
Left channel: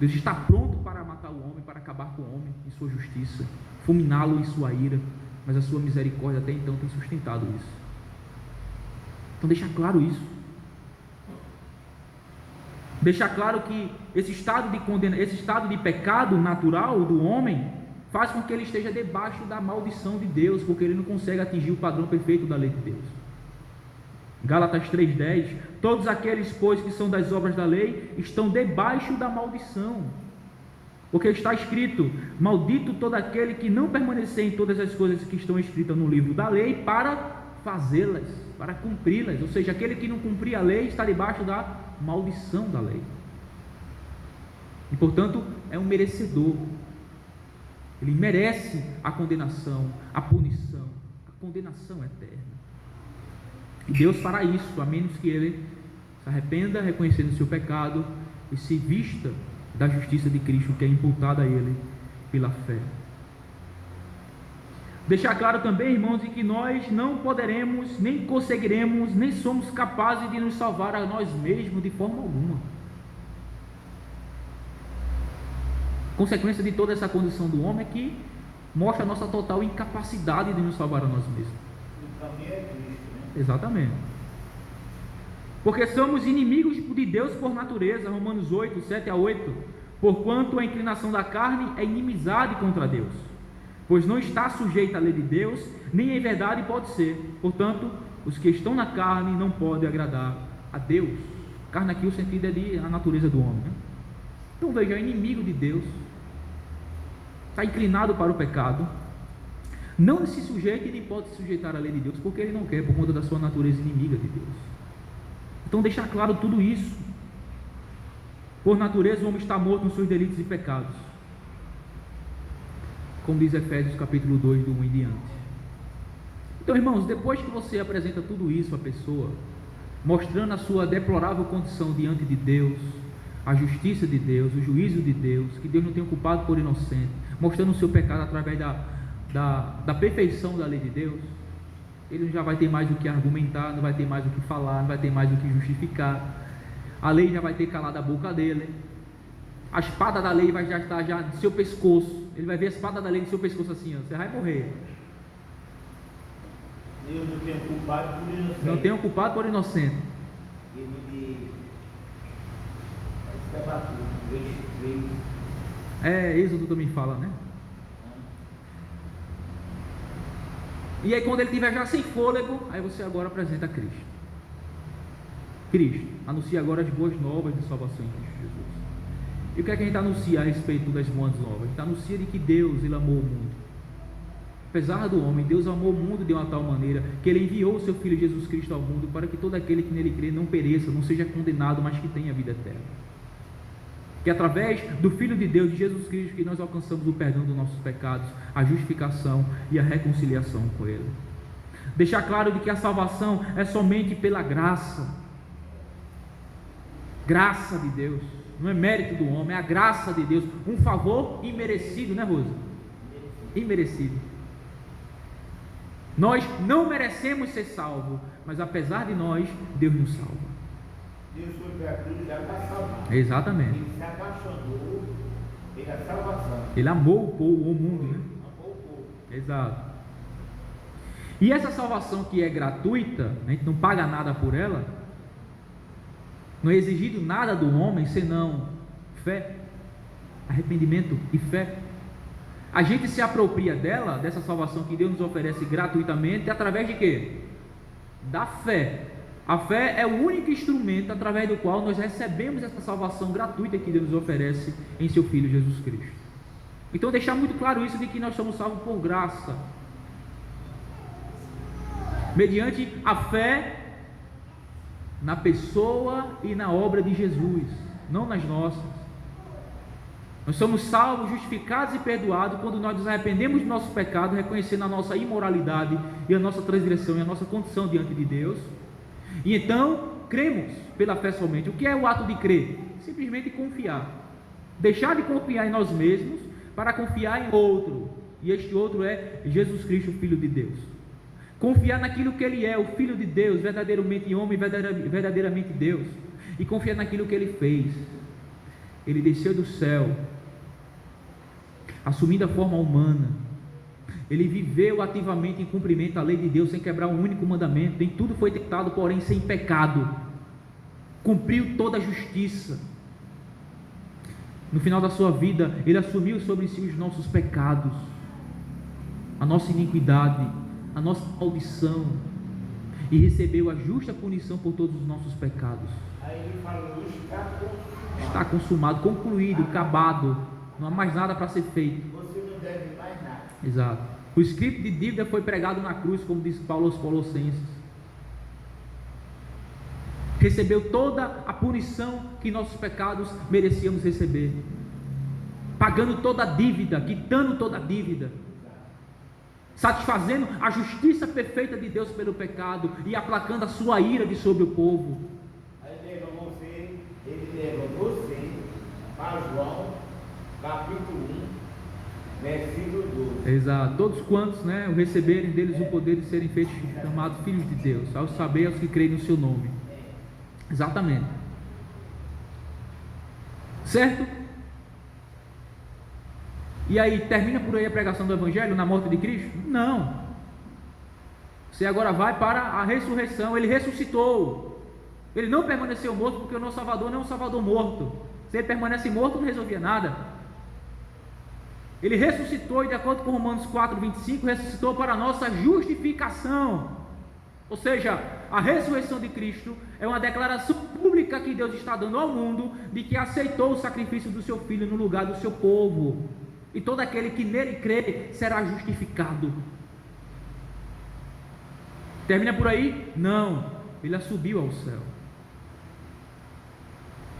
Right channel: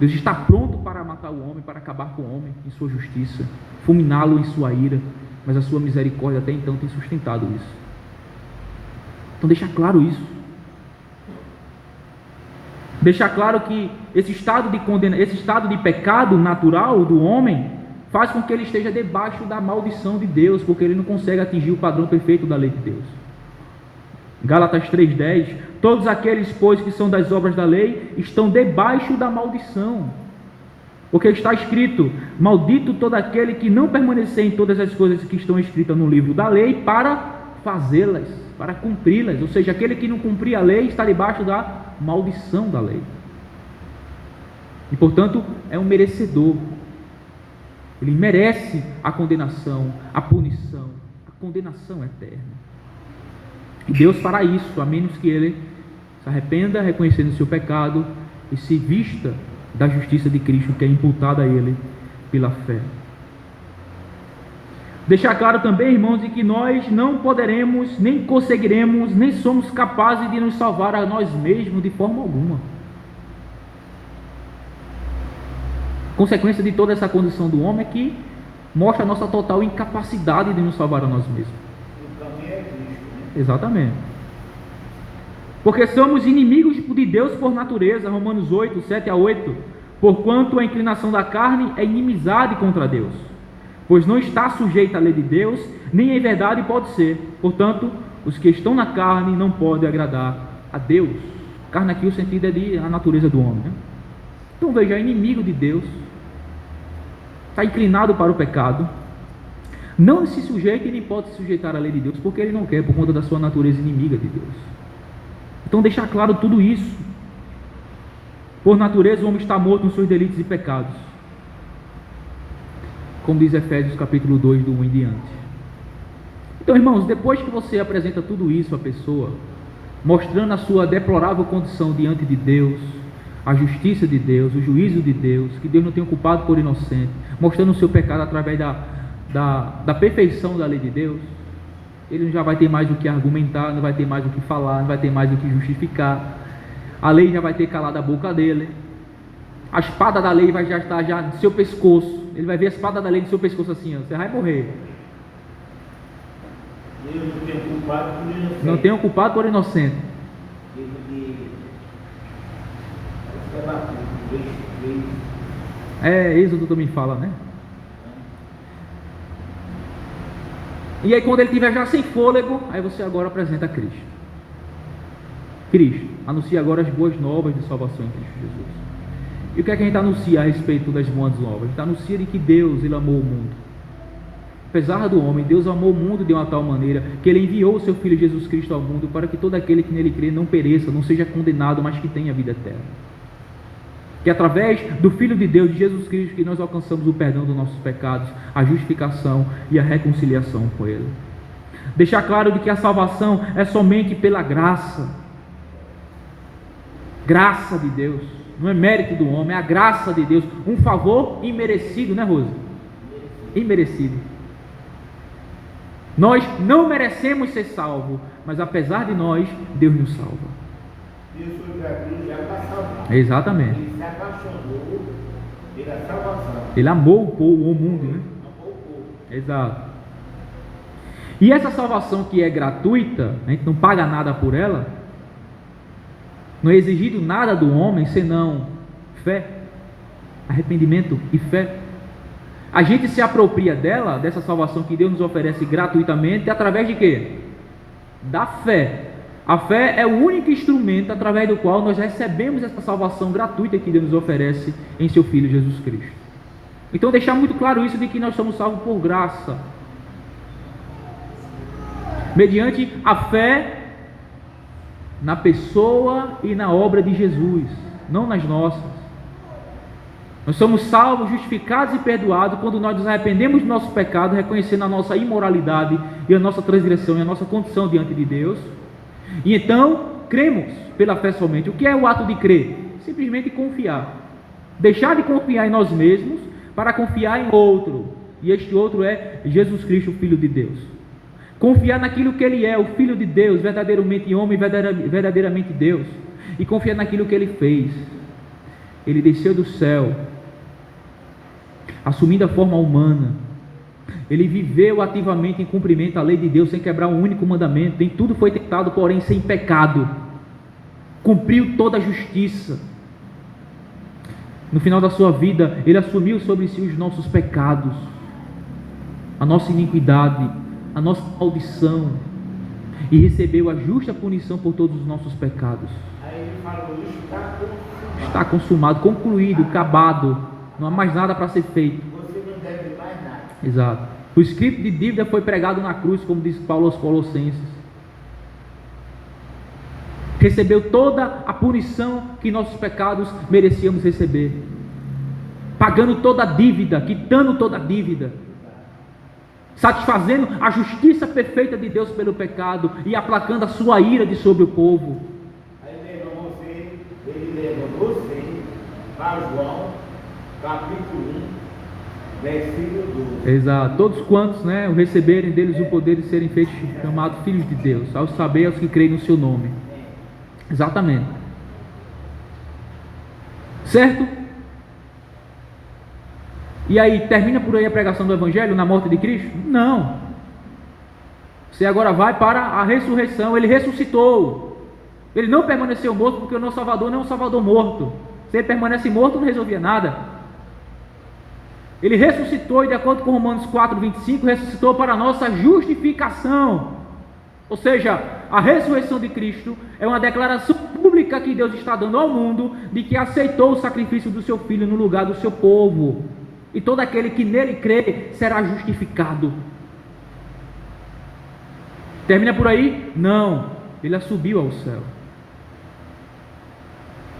Deus está pronto para matar o homem, para acabar com o homem em sua justiça, fulminá-lo em sua ira, mas a sua misericórdia até então tem sustentado isso. Então deixa claro isso. Deixa claro que esse estado de pecado natural do homem faz com que ele esteja debaixo da maldição de Deus, porque ele não consegue atingir o padrão perfeito da lei de Deus. Gálatas 3,10: todos aqueles, pois, que são das obras da lei, estão debaixo da maldição, porque está escrito: maldito todo aquele que não permanecer em todas as coisas que estão escritas no livro da lei para fazê-las, para cumpri-las. Ou seja, aquele que não cumprir a lei está debaixo da maldição da lei, e portanto é um merecedor. Ele merece a condenação, a punição, a condenação eterna. E Deus fará isso, a menos que ele se arrependa, reconhecendo o seu pecado, e se vista da justiça de Cristo, que é imputada a ele pela fé. Deixar claro também, irmãos, de que nós não poderemos, nem conseguiremos, nem somos capazes de nos salvar a nós mesmos de forma alguma. Consequência de toda essa condição do homem é que mostra a nossa total incapacidade de nos salvar a nós mesmos. Exatamente. Porque somos inimigos de Deus por natureza. Romanos 8, 7-8. Porquanto a inclinação da carne é inimizade contra Deus, pois não está sujeita à lei de Deus, nem em verdade pode ser. Portanto, os que estão na carne não podem agradar a Deus. Carne aqui, o sentido é de a natureza do homem, né? Então veja, é inimigo de Deus, está inclinado para o pecado, não se sujeita e nem pode se sujeitar à lei de Deus, porque ele não quer, por conta da sua natureza inimiga de Deus. Então deixar claro tudo isso. Por natureza o homem está morto nos seus delitos e pecados, como diz Efésios capítulo 2, do 1 em diante. Então, irmãos, depois que você apresenta tudo isso à pessoa, mostrando a sua deplorável condição diante de Deus, a justiça de Deus, o juízo de Deus, que Deus não tem o culpado por inocente, mostrando o seu pecado através da perfeição da lei de Deus, ele já vai ter mais o que argumentar, não vai ter mais o que falar, não vai ter mais o que justificar. A lei já vai ter calado a boca dele. A espada da lei vai já estar já no seu pescoço. Ele vai ver a espada da lei no seu pescoço assim, ó, você vai morrer. Eu não tenho culpado por inocente. Não tenho culpado por inocente. Êxodo também fala, né? E aí quando ele estiver já sem fôlego, aí você agora apresenta Cristo. Cristo anuncia agora as boas novas de salvação em Cristo Jesus. E o que é que a gente anuncia a respeito das boas novas? A gente anuncia de que Deus, Ele amou o mundo. Apesar do homem, Deus amou o mundo de uma tal maneira que Ele enviou o seu Filho Jesus Cristo ao mundo para que todo aquele que nele crê não pereça, não seja condenado, mas que tenha vida eterna. Que através do Filho de Deus, de Jesus Cristo, que nós alcançamos o perdão dos nossos pecados, a justificação e a reconciliação com Ele. Deixar claro de que a salvação é somente pela graça. Graça de Deus. Não é mérito do homem, é a graça de Deus. Um favor imerecido, né, Rosa? Imerecido. Nós não merecemos ser salvos, mas apesar de nós, Deus nos salva. Deus foi gratuito já para salvar. Exatamente. Ele se apaixonou pela salvação. Ele amou o povo, o mundo, né? Amou o povo. Exato. E essa salvação que é gratuita, a gente não paga nada por ela, não é exigido nada do homem senão fé, arrependimento e fé. A gente se apropria dela, dessa salvação que Deus nos oferece gratuitamente, através de quê? Da fé. A fé é o único instrumento através do qual nós recebemos essa salvação gratuita que Deus nos oferece em seu Filho Jesus Cristo. Então deixar muito claro isso de que nós somos salvos por graça, mediante a fé na pessoa e na obra de Jesus, não nas nossas. Nós somos salvos, justificados e perdoados quando nós nos arrependemos do nosso pecado, reconhecendo a nossa imoralidade e a nossa transgressão e a nossa condição diante de Deus. E então cremos pela fé somente. O que é o ato de crer? Simplesmente confiar. Deixar de confiar em nós mesmos para confiar em outro. E este outro é Jesus Cristo, o Filho de Deus. Confiar naquilo que Ele é, o Filho de Deus, verdadeiramente homem, verdadeiramente Deus. E confiar naquilo que Ele fez. Ele desceu do céu, assumindo a forma humana. Ele viveu ativamente em cumprimento à lei de Deus, sem quebrar um único mandamento. Em tudo foi tentado, porém sem pecado. Cumpriu toda a justiça. No final da sua vida, Ele assumiu sobre si os nossos pecados, a nossa iniquidade, a nossa maldição, e recebeu a justa punição por todos os nossos pecados. Aí ele falou, Está consumado, concluído, acabado. Não há mais nada para ser feito. você não deve mais nada. Exato. O escrito de dívida foi pregado na cruz, como diz Paulo aos Colossenses. Recebeu toda a punição que nossos pecados merecíamos receber, pagando toda a dívida, quitando toda a dívida, satisfazendo a justiça perfeita de Deus pelo pecado e aplacando a sua ira de sobre o povo. Ele leva você para João, capítulo 1, versículo 12. Exato. Todos quantos, né, o receberem deles o poder de serem feitos chamados filhos de Deus, ao saber aos que creem no seu nome. Exatamente. Certo? E aí, termina por aí a pregação do Evangelho na morte de Cristo? Não. Você agora vai para a ressurreição. Ele ressuscitou. Ele não permaneceu morto, porque o nosso Salvador não é um Salvador morto. Se ele permanece morto, não resolvia nada. Ele ressuscitou, e de acordo com Romanos 4:25, ressuscitou para a nossa justificação. Ou seja, a ressurreição de Cristo é uma declaração pública que Deus está dando ao mundo de que aceitou o sacrifício do seu Filho no lugar do seu povo. E todo aquele que nele crê será justificado. Termina por aí? Não. Ele subiu ao céu.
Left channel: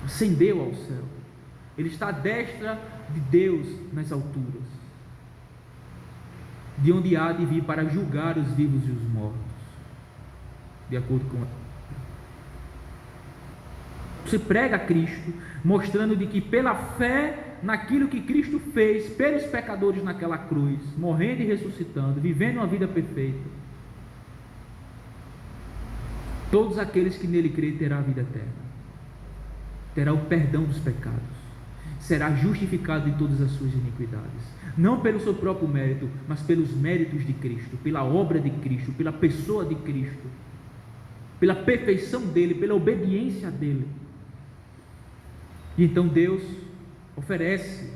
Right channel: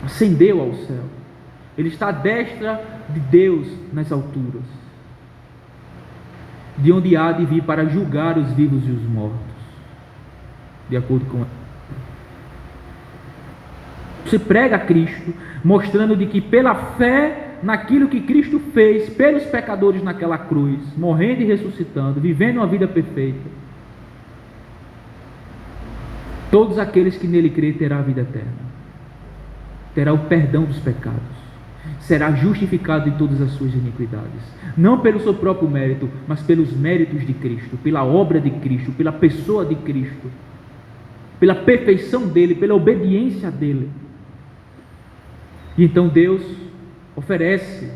Ascendeu ao céu. Ele está à destra de Deus nas alturas, de onde há de vir para julgar os vivos e os mortos, de acordo com você prega a Cristo, mostrando de que pela fé naquilo que Cristo fez pelos pecadores naquela cruz, morrendo e ressuscitando, vivendo uma vida perfeita, todos aqueles que nele crêem terão a vida eterna, terá o perdão dos pecados, será justificado de todas as suas iniquidades, não pelo seu próprio mérito, mas pelos méritos de Cristo, pela obra de Cristo, pela pessoa de Cristo, pela perfeição dele, pela obediência dele. E então Deus oferece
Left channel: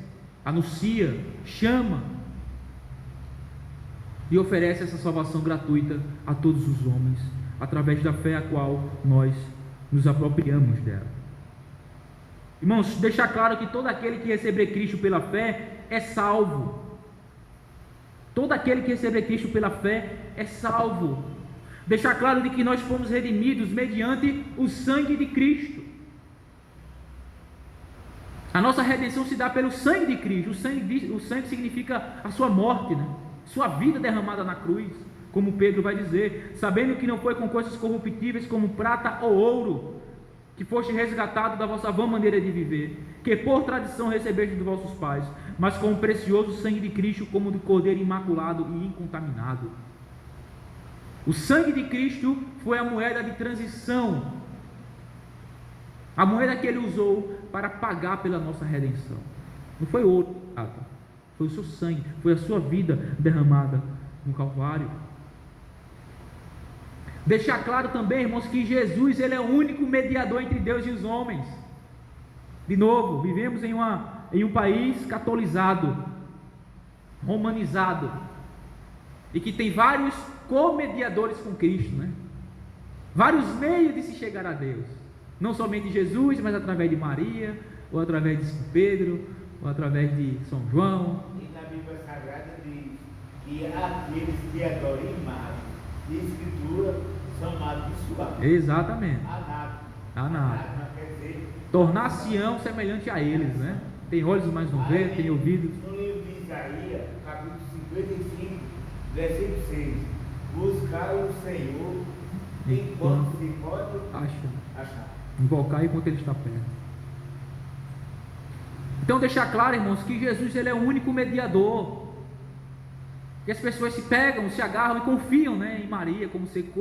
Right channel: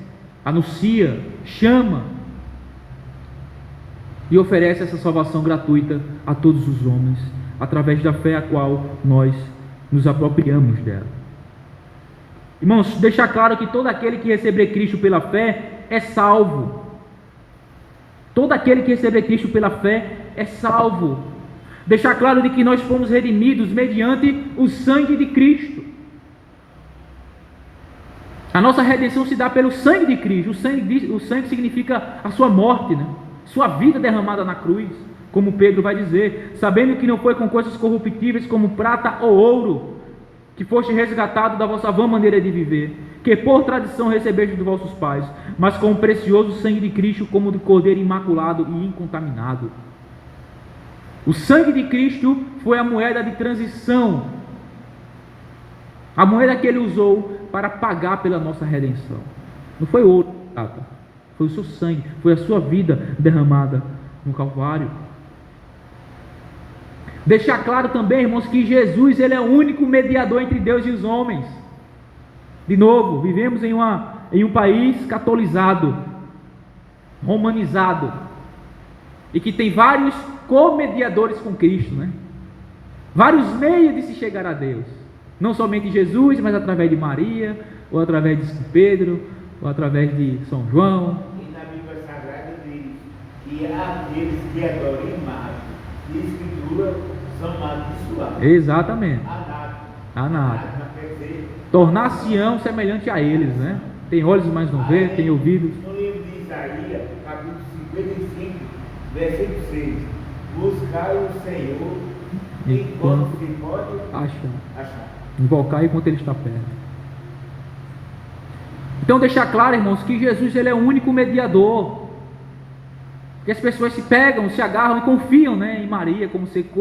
anuncia, chama e oferece essa salvação gratuita a todos os homens, através da fé a qual nós nos apropriamos dela. Irmãos, deixar claro que todo aquele que receber Cristo pela fé é salvo. Todo aquele que receber Cristo pela fé é salvo. Deixar claro de que nós fomos redimidos mediante o sangue de Cristo. A nossa redenção se dá pelo sangue de Cristo. O sangue significa a sua morte, né? Sua vida derramada na cruz, como Pedro vai dizer, sabendo que não foi com coisas corruptíveis como prata ou ouro, que foste resgatado da vossa vã maneira de viver, que por tradição recebeste dos vossos pais, mas com o precioso sangue de Cristo, como do Cordeiro imaculado e incontaminado. O sangue de Cristo foi a moeda de transição, a moeda que ele usou para pagar pela nossa redenção. Não foi ouro, prata. Foi o seu sangue, foi a sua vida derramada no Calvário. Deixar claro também, irmãos, que Jesus, ele é o único mediador entre Deus e os homens. De novo, vivemos em um país catolizado, romanizado, e que tem vários co-mediadores com Cristo, né? Vários meios de se chegar a Deus. Não somente Jesus, mas através de Maria, ou através de São Pedro, ou através de São João. E na Bíblia Sagrada diz que aqueles que adoram imagem de escritura são abençoados. Exatamente. Anátema quer dizer, tornar-se-ão semelhante a eles, né? Tem olhos, mas não vê, tem ouvidos. No livro de Isaías, capítulo 55, versículo 6: buscai o Senhor enquanto se pode achar. Invocar enquanto ele está perto. Então deixar claro, irmãos, que Jesus, ele é o único mediador. Que as pessoas se pegam, se agarram e confiam, né, em Maria como ser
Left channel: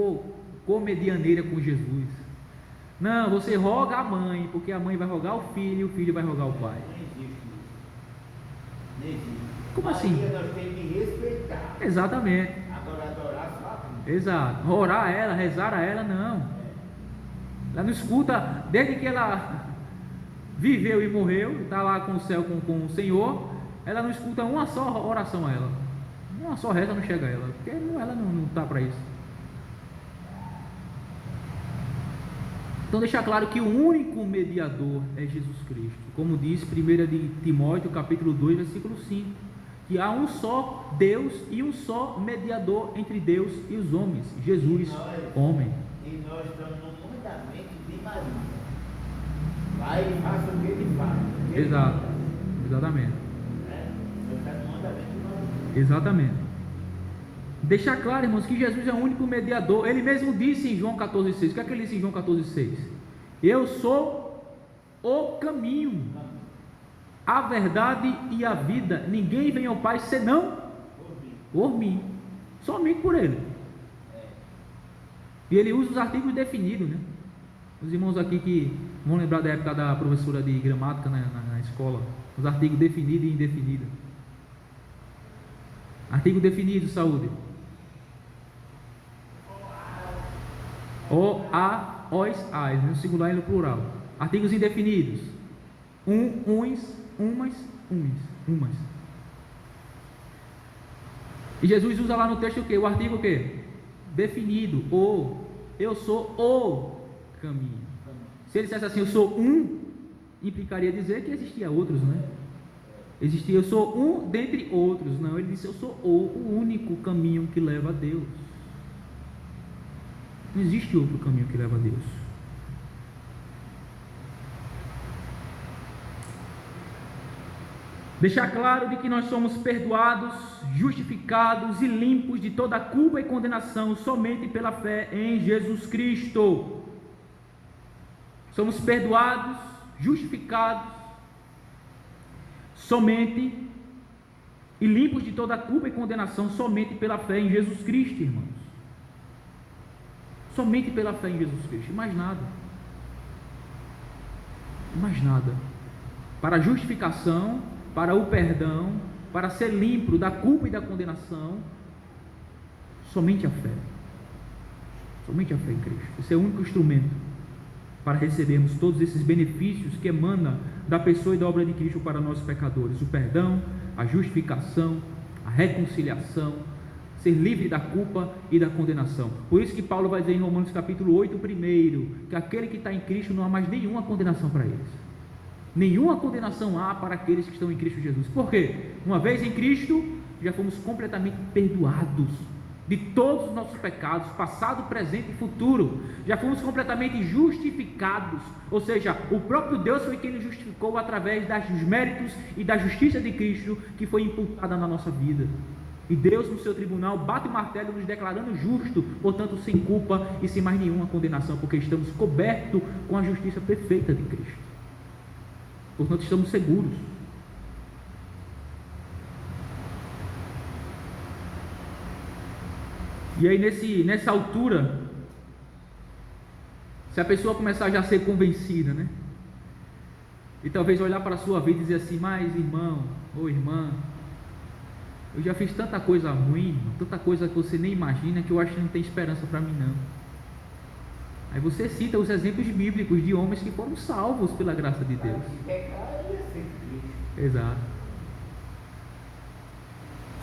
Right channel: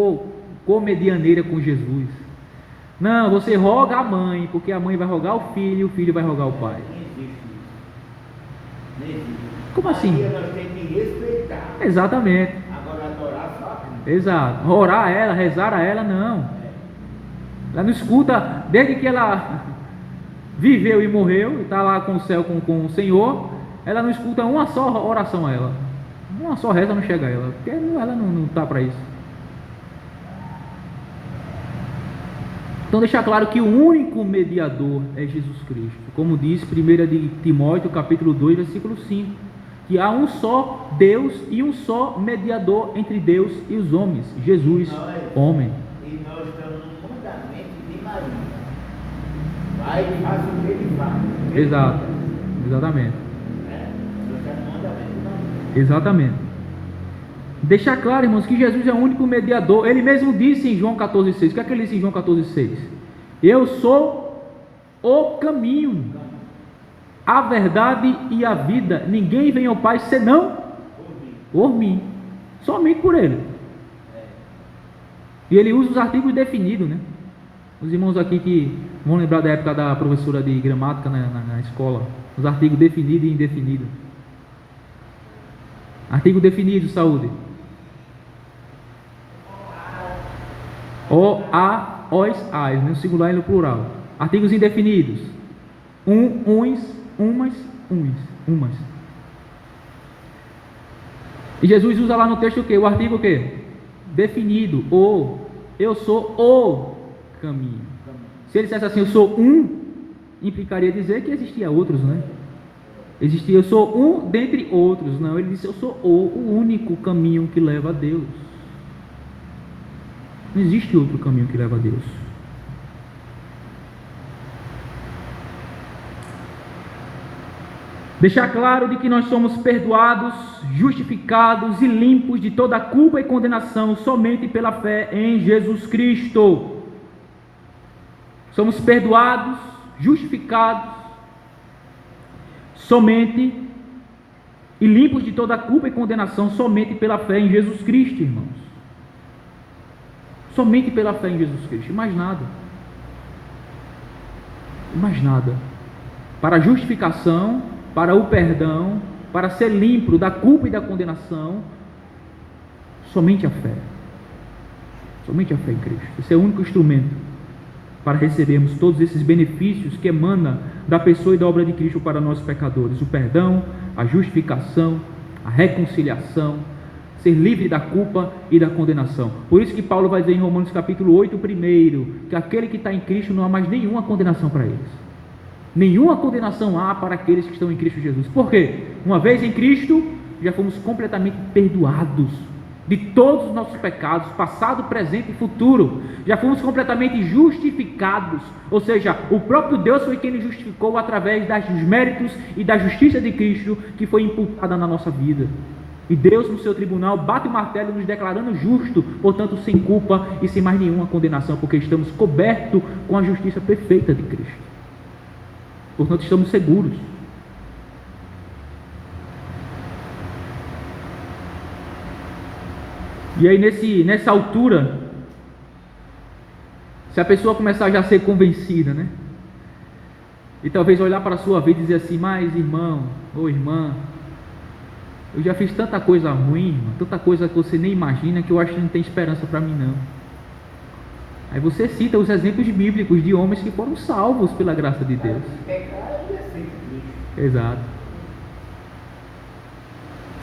co-medianeira com Jesus. Não, você roga a mãe, porque a mãe vai rogar o filho e o filho vai rogar o pai. Nem existe. Como assim? Maria nós temos que respeitar. Exatamente. Agora adorar só. Exato. Orar a ela, rezar a ela, não. Ela não escuta, desde que ela viveu e morreu, está lá com o céu, com o Senhor, ela não escuta uma só oração a ela. Uma só reza não chega a ela, porque ela não está para isso. Então deixar claro que o único mediador é Jesus Cristo, como diz 1 de Timóteo capítulo 2, versículo 5, que há um só Deus e um só mediador entre Deus e os homens, Jesus, homem. E nós estamos no mandamento de Maria. Vai e faz o que ele faz. Exato, exatamente. Nós estamos no mandamento de Maria. Exatamente. Deixar claro, irmãos, que Jesus é o único mediador. Ele mesmo disse em João 14,6. O que é que ele disse em João 14,6? Eu sou o caminho, a verdade e a vida. Ninguém vem ao Pai senão por mim. Somente por ele. E ele usa os artigos definidos, né? Os irmãos aqui que vão lembrar da época da professora de gramática na escola. Os artigos definido e indefinido. Artigo definido, saúde. O, a, os, as, no singular e no plural. Artigos indefinidos. Uns, umas, umas. E Jesus usa lá no texto o quê? O artigo o quê? Definido. O. Eu sou o caminho. Se ele dissesse assim, eu sou um, implicaria dizer que existia outros, né? Existia, eu sou um dentre outros. Não, ele disse, eu sou o único caminho que leva a Deus. Não existe outro caminho que leva a Deus. Deixar claro de que nós somos perdoados, justificados e limpos de toda culpa e condenação somente pela fé em Jesus Cristo. Somos perdoados, justificados somente e limpos de toda culpa e condenação somente pela fé em Jesus Cristo, irmãos. Somente pela fé em Jesus Cristo, mais nada. Mais nada. Para a justificação, para o perdão, para ser limpo da culpa e da condenação, somente a fé. Somente a fé em Cristo. Esse é o único instrumento para recebermos todos esses benefícios que emana da pessoa e da obra de Cristo para nós pecadores: o perdão, a justificação, a reconciliação, ser livre da culpa e da condenação. Por isso que Paulo vai dizer em Romanos capítulo 8, primeiro, que aquele que está em Cristo não há mais nenhuma condenação para eles. Nenhuma condenação há para aqueles que estão em Cristo Jesus. Por quê? Uma vez em Cristo, já fomos completamente perdoados de todos os nossos pecados, passado, presente e futuro. Já fomos completamente justificados, ou seja, o próprio Deus foi quem nos justificou através dos méritos e da justiça de Cristo que foi imputada na nossa vida. E Deus, no seu tribunal, bate o martelo nos declarando justo, portanto sem culpa e sem mais nenhuma condenação, porque estamos cobertos com a justiça perfeita de Cristo. Portanto, estamos seguros. E aí nessa altura, se a pessoa começar já a ser convencida, né? E talvez olhar para a sua vida e dizer assim: mas irmão, ou irmã, eu já fiz tanta coisa ruim, irmã, tanta coisa que você nem imagina, que eu acho que não tem esperança para mim não. Aí você cita os exemplos bíblicos de homens que foram salvos pela graça de Deus. Exato.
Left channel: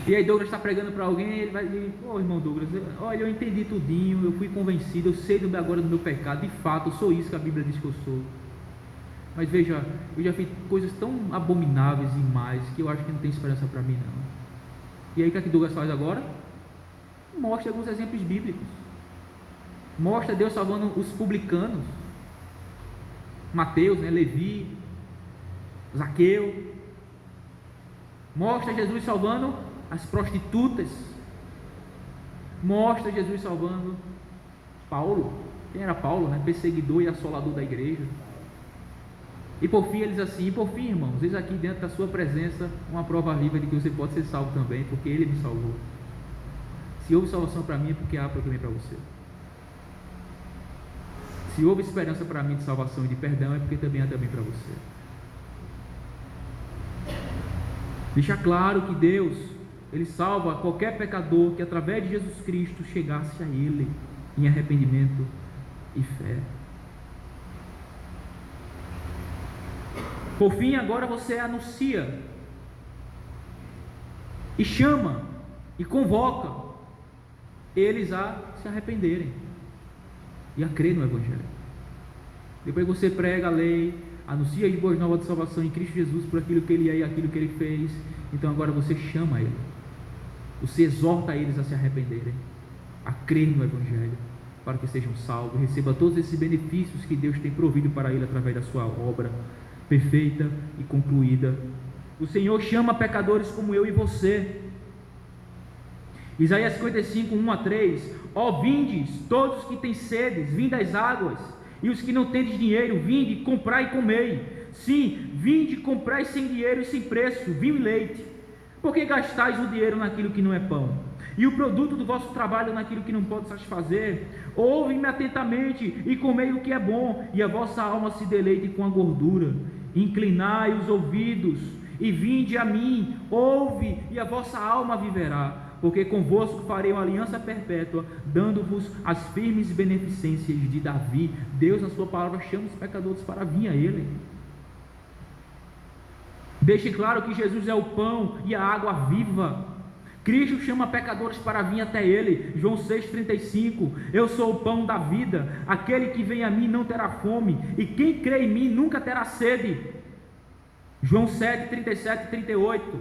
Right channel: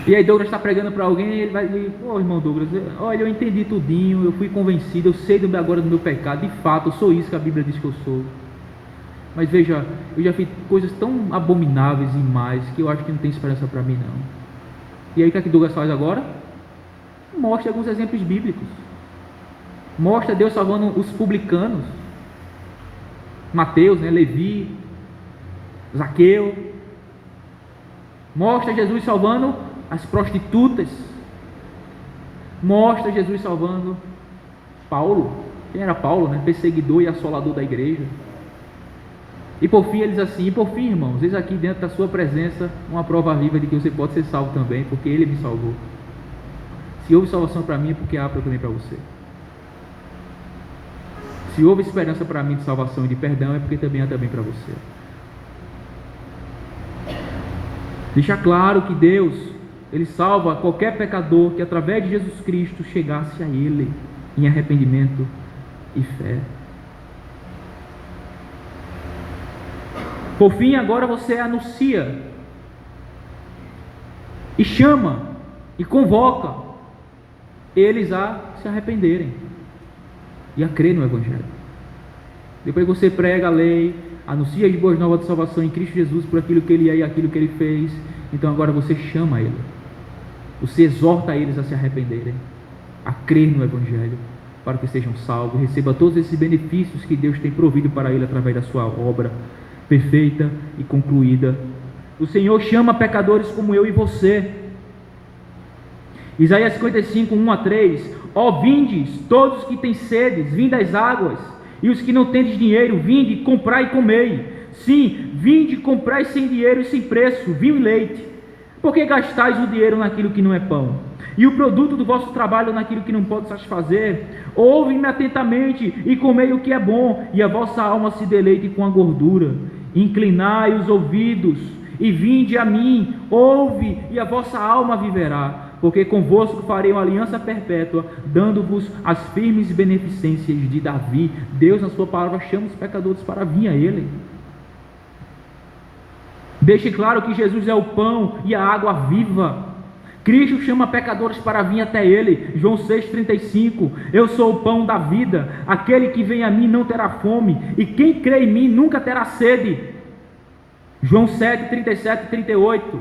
E aí Douglas está pregando para alguém e ele vai dizer: pô, irmão Douglas, olha, eu entendi tudinho, eu fui convencido, eu sei agora do meu pecado, de fato, eu sou isso que a Bíblia diz que eu sou. Mas veja, eu já fiz coisas tão abomináveis e mais, que eu acho que não tem esperança para mim não. E aí o que Douglas faz agora? Mostra alguns exemplos bíblicos. Mostra Deus salvando os publicanos, Mateus, né, Levi, Zaqueu. Mostra Jesus salvando as prostitutas. Mostra Jesus salvando Paulo. Quem era Paulo, né? Perseguidor e assolador da igreja. E por fim ele diz assim: e por fim, irmãos, eis aqui dentro da sua presença uma prova viva de que você pode ser salvo também, porque Ele me salvou. Se houve salvação para mim, é porque há também para você. Se houve esperança para mim de salvação e de perdão, é porque também há também para você. Deixa claro que Deus, Ele salva qualquer pecador que através de Jesus Cristo chegasse a Ele em arrependimento e fé. Por fim, agora você anuncia e chama e convoca eles a se arrependerem e a crer no Evangelho. Depois você prega a lei, anuncia as boas novas de salvação em Cristo Jesus por aquilo que Ele é e aquilo que Ele fez. Então agora você chama Ele, você exorta eles a se arrependerem, a crer no Evangelho, para que sejam salvos, receba todos esses benefícios que Deus tem provido para ele através da sua obra perfeita e concluída. O Senhor chama pecadores como eu e você. Isaías 55, 1-3: ó vindes, todos que têm sedes, vinde às águas, e os que não tendes dinheiro, vinde, comprai e comei. Sim, vinde, comprai sem dinheiro e sem preço, vinho e leite. Por que gastais o dinheiro naquilo que não é pão, e o produto do vosso trabalho naquilo que não pode satisfazer? Ouve-me atentamente e comei o que é bom, e a vossa alma se deleite com a gordura. Inclinai os ouvidos e vinde a mim, ouve, e a vossa alma viverá, porque convosco farei uma aliança perpétua, dando-vos as firmes beneficências de Davi. Deus, na sua palavra, chama os pecadores para vir a Ele. Deixe claro que Jesus é o pão e a água viva. Cristo chama pecadores para vir até Ele. João 6,35: eu sou o pão da vida, aquele que vem a mim não terá fome, e quem crê em mim nunca terá sede. João 7,37 e 38.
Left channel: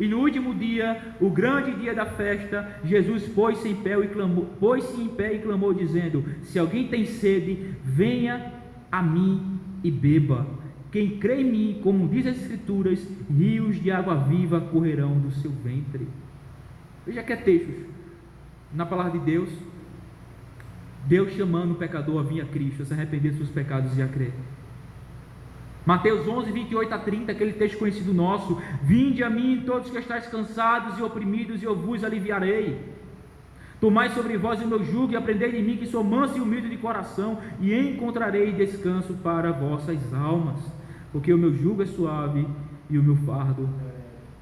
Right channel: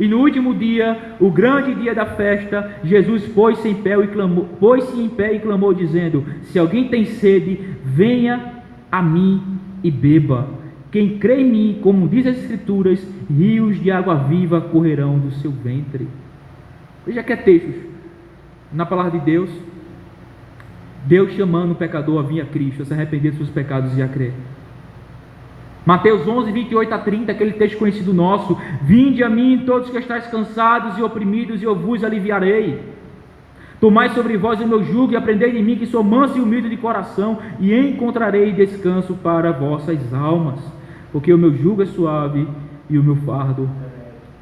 E no último dia, o grande dia da festa, Jesus pôs-se em pé e clamou, dizendo: se alguém tem sede, venha a mim e beba. Quem crê em mim, como diz as Escrituras, rios de água viva correrão do seu ventre. Veja que é textos na palavra de Deus, Deus chamando o pecador a vir a Cristo, a se arrepender dos seus pecados e a crer. Mateus 11, 28-30, aquele texto conhecido nosso: vinde a mim todos que estáis cansados e oprimidos, e eu vos aliviarei. Tomai sobre vós o meu jugo e aprendei de mim, que sou manso e humilde de coração, e encontrarei descanso para vossas almas, porque o meu jugo é suave e o meu fardo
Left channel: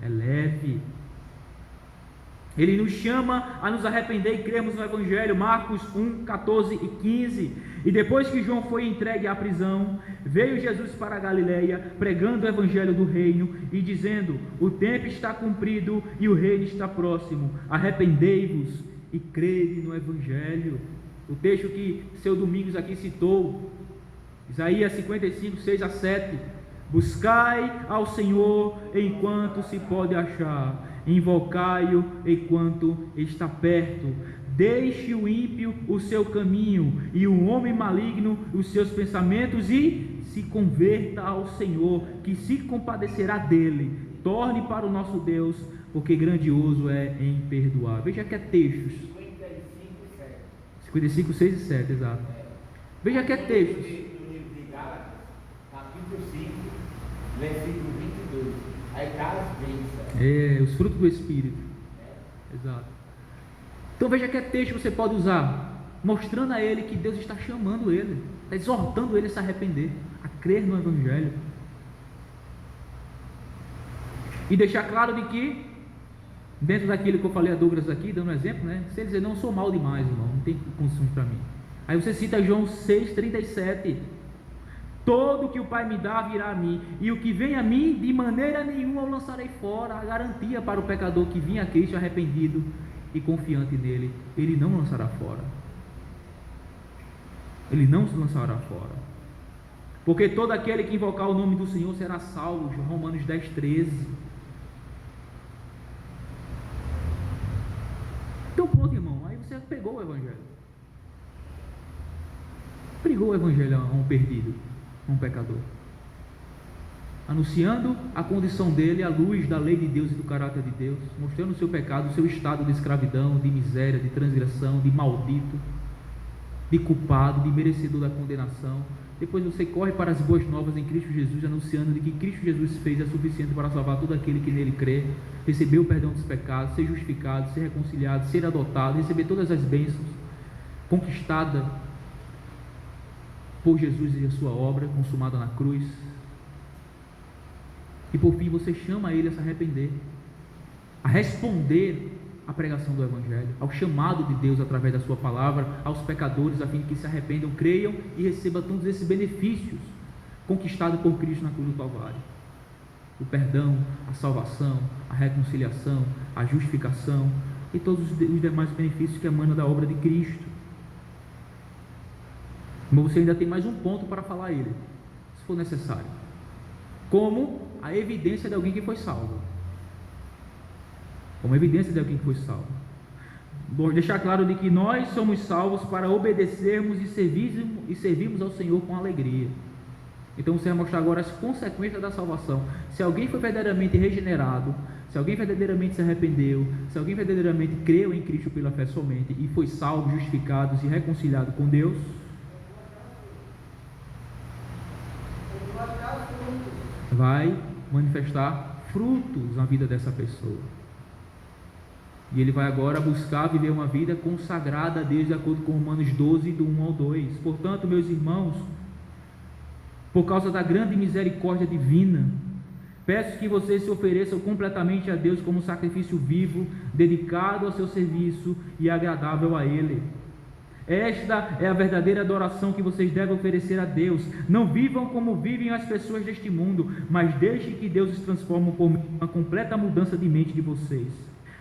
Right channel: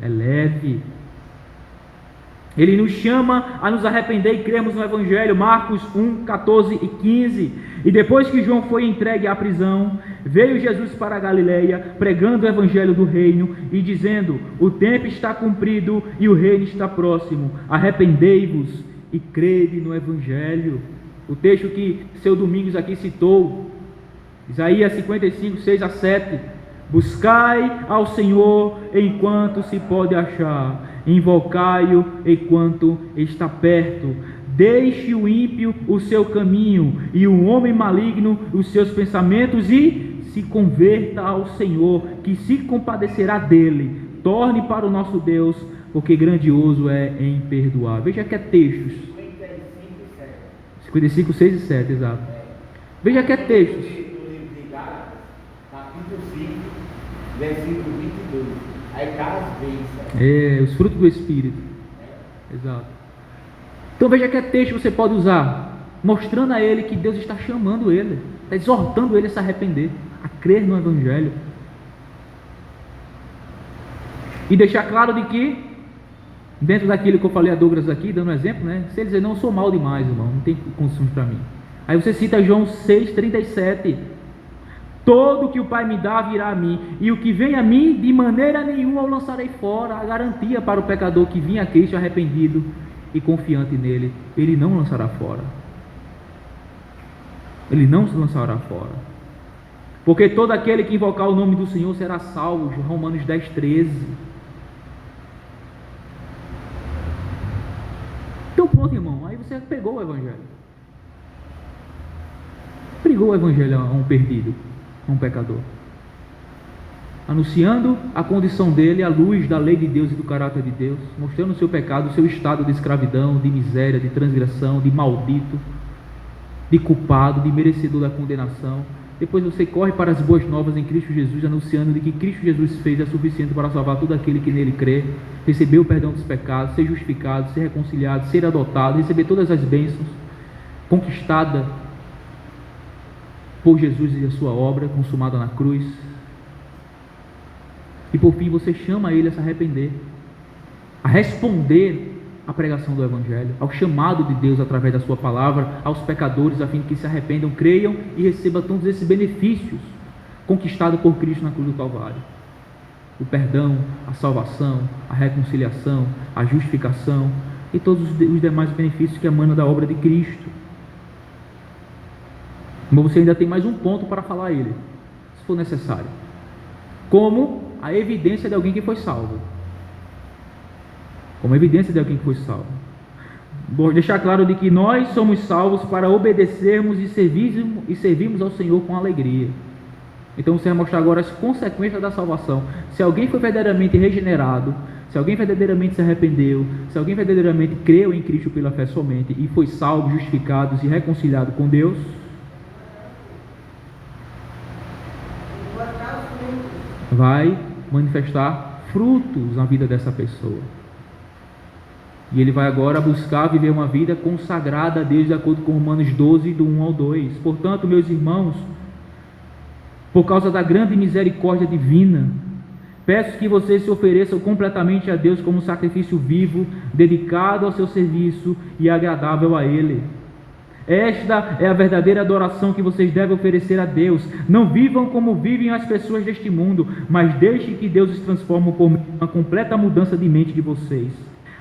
é leve. Ele nos chama a nos arrepender e cremos no Evangelho, Marcos 1, 14 e 15. E depois que João foi entregue à prisão, veio Jesus para a Galileia, pregando o Evangelho do reino e dizendo: o tempo está cumprido e o reino está próximo, arrependei-vos e crede no Evangelho. O texto que seu Domingos aqui citou, Isaías 55, 6 a 7. Buscai ao Senhor enquanto se pode achar, invocai-o enquanto está perto. Deixe o ímpio o seu caminho e o homem maligno os seus pensamentos e se converta ao Senhor, que se compadecerá dele. Torne para o nosso Deus, porque grandioso é em perdoar. Veja que é textos 55, 6 e 7, exato. Veja que é textos. Capítulo 5, versículo 22. Aí está as bênçãos. Os frutos do Espírito. Exato. Então veja que é texto que você pode usar, mostrando a ele que Deus está chamando ele, está exortando ele a se arrepender, a crer no Evangelho. E deixar claro de que, dentro daquilo que eu falei a Douglas aqui, dando um exemplo, né? Se ele dizer, não, eu sou mal demais, irmão, não tem condições para mim. Aí você cita João 6,37. Todo que o Pai me dá virá a mim, e o que vem a mim, de maneira nenhuma eu lançarei fora. A garantia para o pecador que vinha a Cristo arrependido e confiante nele, ele não lançará fora. Ele não se lançará fora. Porque todo aquele que invocar o nome do Senhor será salvo. Romanos 10,13. Então pronto, irmão, aí você pegou o Evangelho. Pregou o Evangelho a um perdido, a um pecador, anunciando a condição dele à luz da lei de Deus e do caráter de Deus, mostrando o seu pecado, o seu estado de escravidão, de miséria, de transgressão, de maldito, de culpado, de merecedor da condenação. Depois você corre para as boas novas em Cristo Jesus, anunciando de que Cristo Jesus fez é suficiente para salvar todo aquele que nele crê, receber o perdão dos pecados, ser justificado, ser reconciliado, ser adotado, receber todas as bênçãos, conquistada por Jesus e a sua obra consumada na cruz. E por fim você chama ele a se arrepender, a responder à pregação do Evangelho, ao chamado de Deus através da sua palavra aos pecadores, a fim de que se arrependam, creiam e recebam todos esses benefícios conquistados por Cristo na cruz do Calvário: o perdão, a salvação, a reconciliação, a justificação e todos os demais benefícios que emanam da obra de Cristo. Mas você ainda tem mais um ponto para falar a ele, se for necessário, como a evidência de alguém que foi salvo. Como evidência de alguém que foi salvo. Vou deixar claro de que nós somos salvos para obedecermos e servirmos ao Senhor com alegria. Então você vai mostrar agora as consequências da salvação. Se alguém foi verdadeiramente regenerado, se alguém verdadeiramente se arrependeu, se alguém verdadeiramente creu em Cristo pela fé somente e foi salvo, justificado e reconciliado com Deus, vai manifestar frutos na vida dessa pessoa. E ele vai agora buscar viver uma vida consagrada a Deus, de acordo com Romanos 12, do 1 ao 2. Portanto, meus irmãos, por causa da grande misericórdia divina, peço que vocês se ofereçam completamente a Deus como sacrifício vivo, dedicado ao seu serviço e agradável a Ele. Esta é a verdadeira adoração que vocês devem oferecer a Deus. Não vivam como vivem as pessoas deste mundo, mas deixem que Deus os transforme por uma completa mudança de mente de vocês.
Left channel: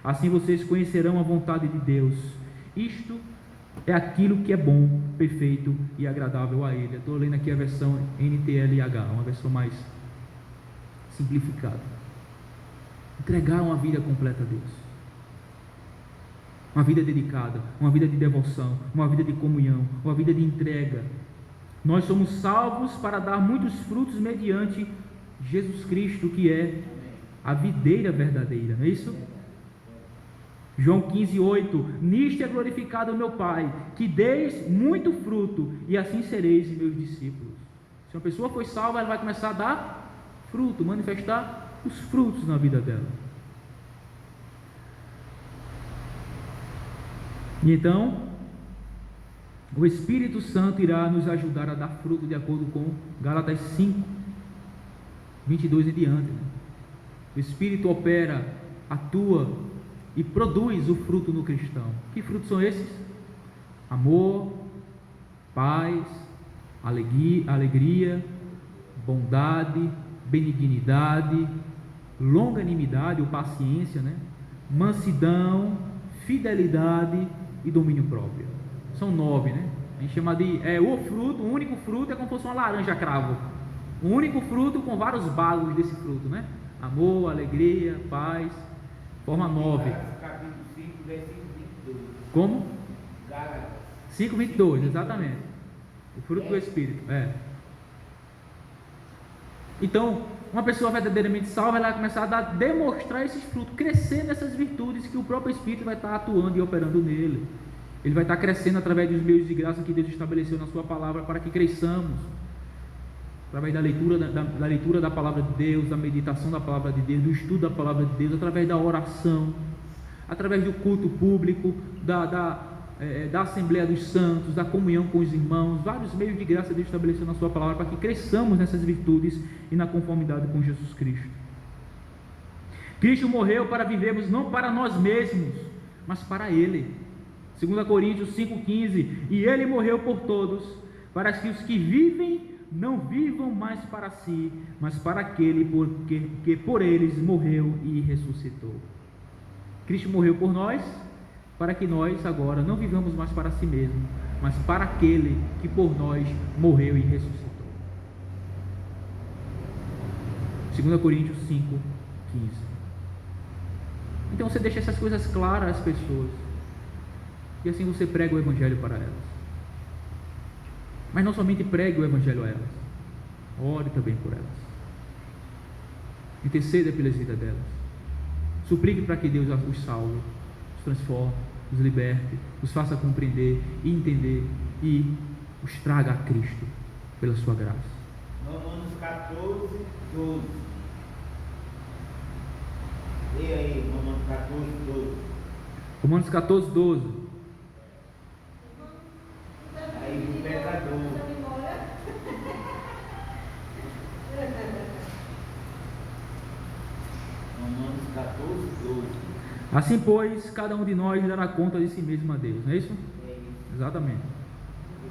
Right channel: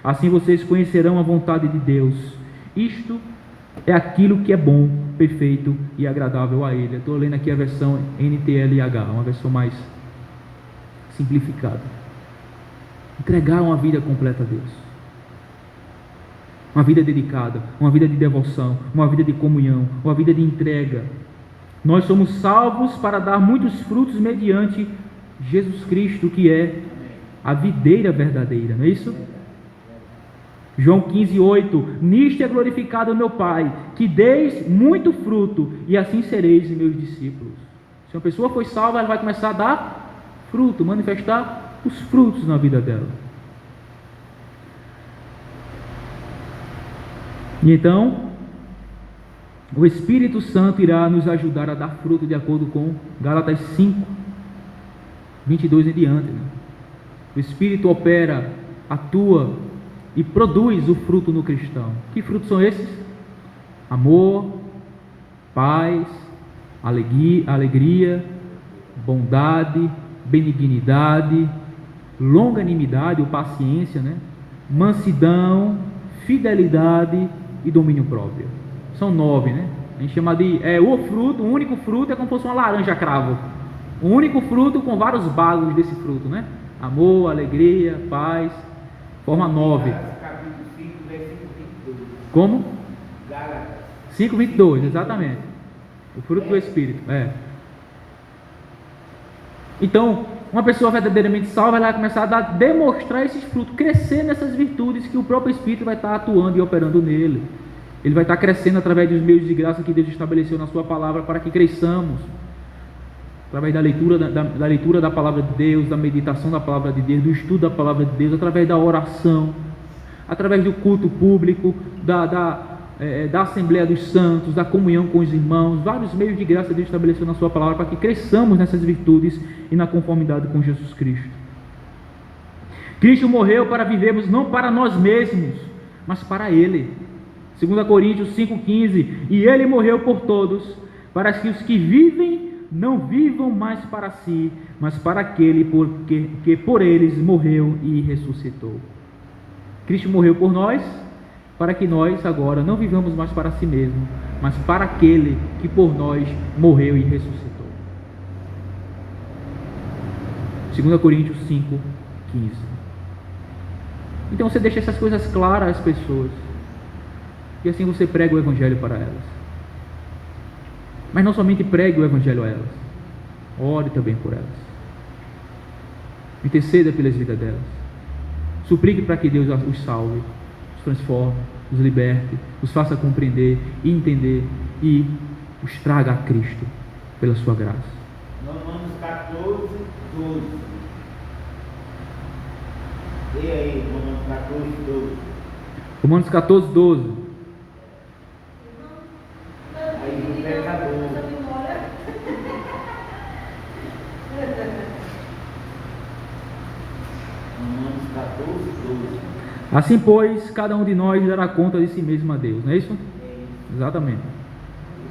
Assim vocês conhecerão a vontade de Deus. Isto é aquilo que é bom, perfeito e agradável a Ele. Eu estou lendo aqui a versão NTLH, uma versão mais simplificada. Entregar uma vida completa a Deus. Uma vida dedicada, uma vida de devoção, uma vida de comunhão, uma vida de entrega. Nós somos salvos para dar muitos frutos mediante Jesus Cristo, que é a videira verdadeira, não é isso? João 15:8. Nisto é glorificado o meu Pai, que deis muito fruto, e assim sereis meus discípulos. Se uma pessoa foi salva, ela vai começar a dar fruto, manifestar os frutos na vida dela. E então, o Espírito Santo irá nos ajudar a dar fruto de acordo com Gálatas 5, 22 em diante. O Espírito opera, atua, e produz o fruto no cristão. Que frutos são esses? Amor, paz, alegria, bondade, benignidade, longanimidade ou paciência, né? Mansidão, fidelidade e domínio próprio. São 9, né? A gente chama de o fruto, o único fruto é como se fosse uma laranja cravo. O único fruto com vários bagos desse fruto, né? Amor, alegria, paz, forma 9. Capítulo 5, versículo 22. Como? Gálatas 5:22, exatamente. O fruto do Espírito, Então, uma pessoa verdadeiramente salva, ela vai começar a demonstrar esses frutos, crescer nessas virtudes que o próprio Espírito vai estar atuando e operando nele. Ele vai estar crescendo através dos meios de graça que Deus estabeleceu na sua palavra para que cresçamos. Através da leitura da palavra de Deus, da meditação da palavra de Deus, do estudo da palavra de Deus, através da oração, através do culto público, da Assembleia dos Santos, da comunhão com os irmãos, vários meios de graça Deus estabeleceu na sua palavra para que cresçamos nessas virtudes e na conformidade com Jesus Cristo. Cristo morreu para vivermos não para nós mesmos, mas para Ele. 2 Coríntios 5,15, e Ele morreu por todos, para que os que vivem não vivam mais para si, mas para aquele que por eles morreu e ressuscitou. Cristo morreu por nós, para que nós agora não vivamos mais para si mesmo, mas para aquele que por nós morreu e ressuscitou. 2 Coríntios 5,15. Então você deixa essas coisas claras às pessoas, e assim você prega o Evangelho para elas. Mas não somente pregue o Evangelho a elas, ore também por elas, interceda pelas vidas delas, suplique para que Deus os salve, os transforme, os liberte, os faça compreender e entender e os traga a Cristo pela sua graça. Romanos 14, 12. E aí, Romanos 14, 12. Romanos 14, 12. Aí o pecador. Romanos 14, 12. Assim, pois, cada um de nós dará conta de si mesmo a Deus, não é isso? É isso. Exatamente.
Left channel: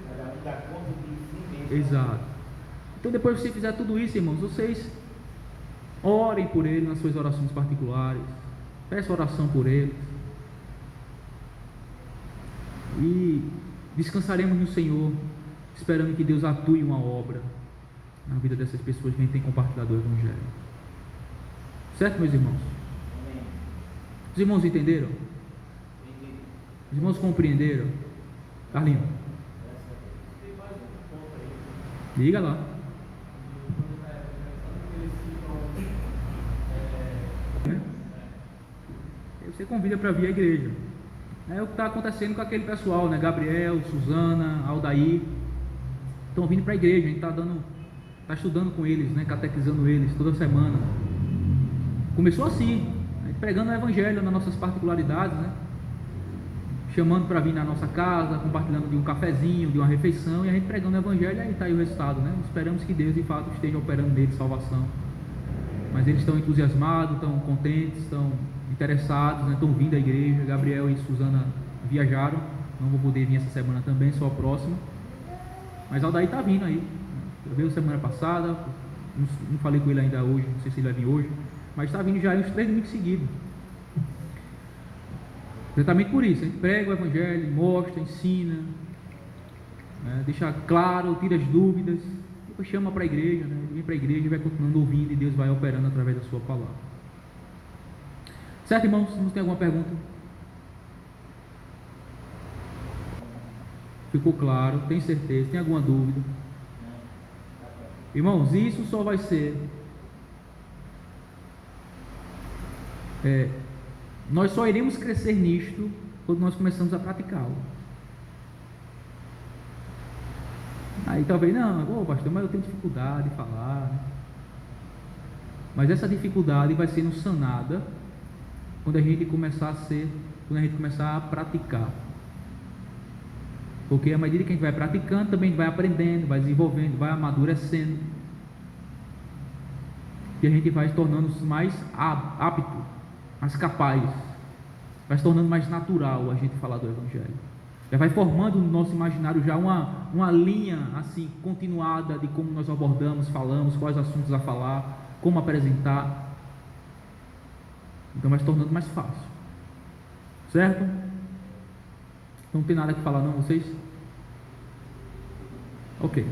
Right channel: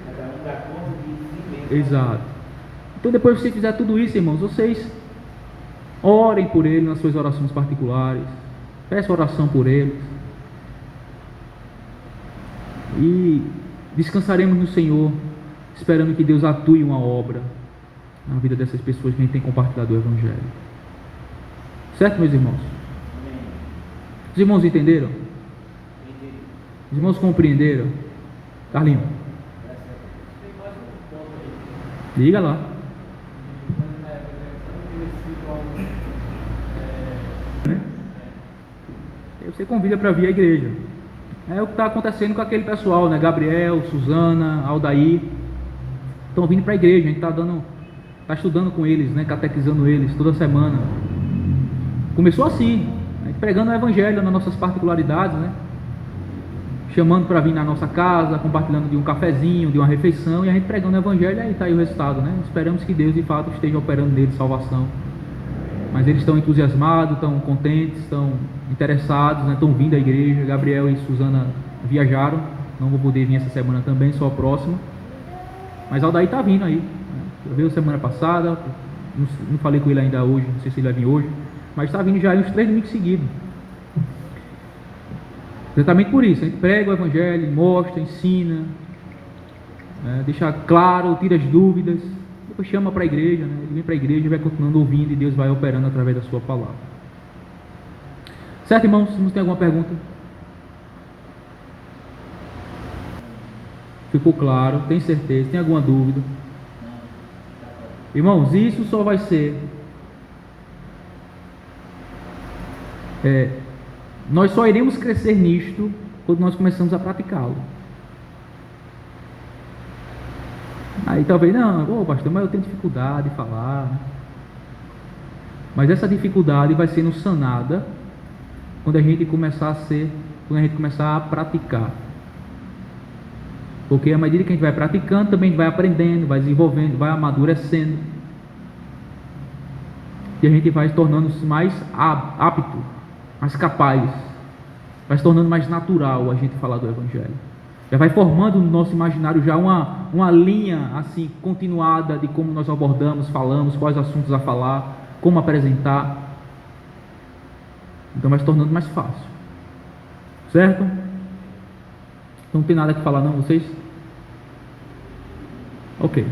Cada um dá conta de si mesmo. Exato. Então, depois que você fizer tudo isso, irmãos, vocês orem por ele nas suas orações particulares, peçam oração por eles e descansaremos no Senhor, esperando que Deus atue uma obra na vida dessas pessoas que a gente tem compartilhado o Evangelho. Certo, meus irmãos? Amém. Os irmãos entenderam? Entendi. Os irmãos compreenderam? Carlinhos, Tem mais um ponto aí. liga lá. Quando na época eles citam Aí você convida para vir à igreja. É o que está acontecendo com aquele pessoal, né? Gabriel, Suzana, Aldair, estão vindo para a igreja. A gente está estudando com eles, né? Catequizando eles toda semana. Começou assim, né? Pregando o Evangelho nas nossas particularidades, né? Chamando para vir na nossa casa, compartilhando de um cafezinho, de uma refeição, e a gente pregando o Evangelho, e aí está aí o resultado, né? Esperamos que Deus de fato esteja operando neles salvação. Mas eles estão entusiasmados, estão contentes, estão interessados, né? Estão vindo à igreja. Gabriel e Suzana viajaram, não vou poder vir essa semana também, só a próxima. Mas Aldair está vindo aí, né? Veio semana passada, não falei com ele ainda hoje, não sei se ele vai vir hoje, mas está vindo já aí uns 3 domingos seguidos. Exatamente por isso, a gente prega o Evangelho, mostra, ensina, né? Deixa claro, tira as dúvidas, depois chama para a igreja, né? Ele vem para a igreja e vai continuando ouvindo, e Deus vai operando através da sua palavra. Certo, irmãos? Se não tem alguma pergunta? Ficou claro? Tem certeza? Tem alguma dúvida? Irmãos, isso só vai ser nós só iremos crescer nisto quando nós começamos a praticá-lo. Aí talvez, não, pastor, mas eu tenho dificuldade de falar. Mas essa dificuldade vai sendo sanada quando a gente começar a praticar. Porque à medida que a gente vai praticando, também a gente vai aprendendo, vai desenvolvendo, vai amadurecendo. E a gente vai se tornando mais apto, mais capaz vai se tornando mais natural a gente falar do Evangelho. Já vai formando no nosso imaginário já uma linha assim continuada de como nós abordamos, falamos, quais assuntos a falar, como apresentar. Então vai se tornando mais fácil. Certo? Não tem nada que falar não, vocês? Ok.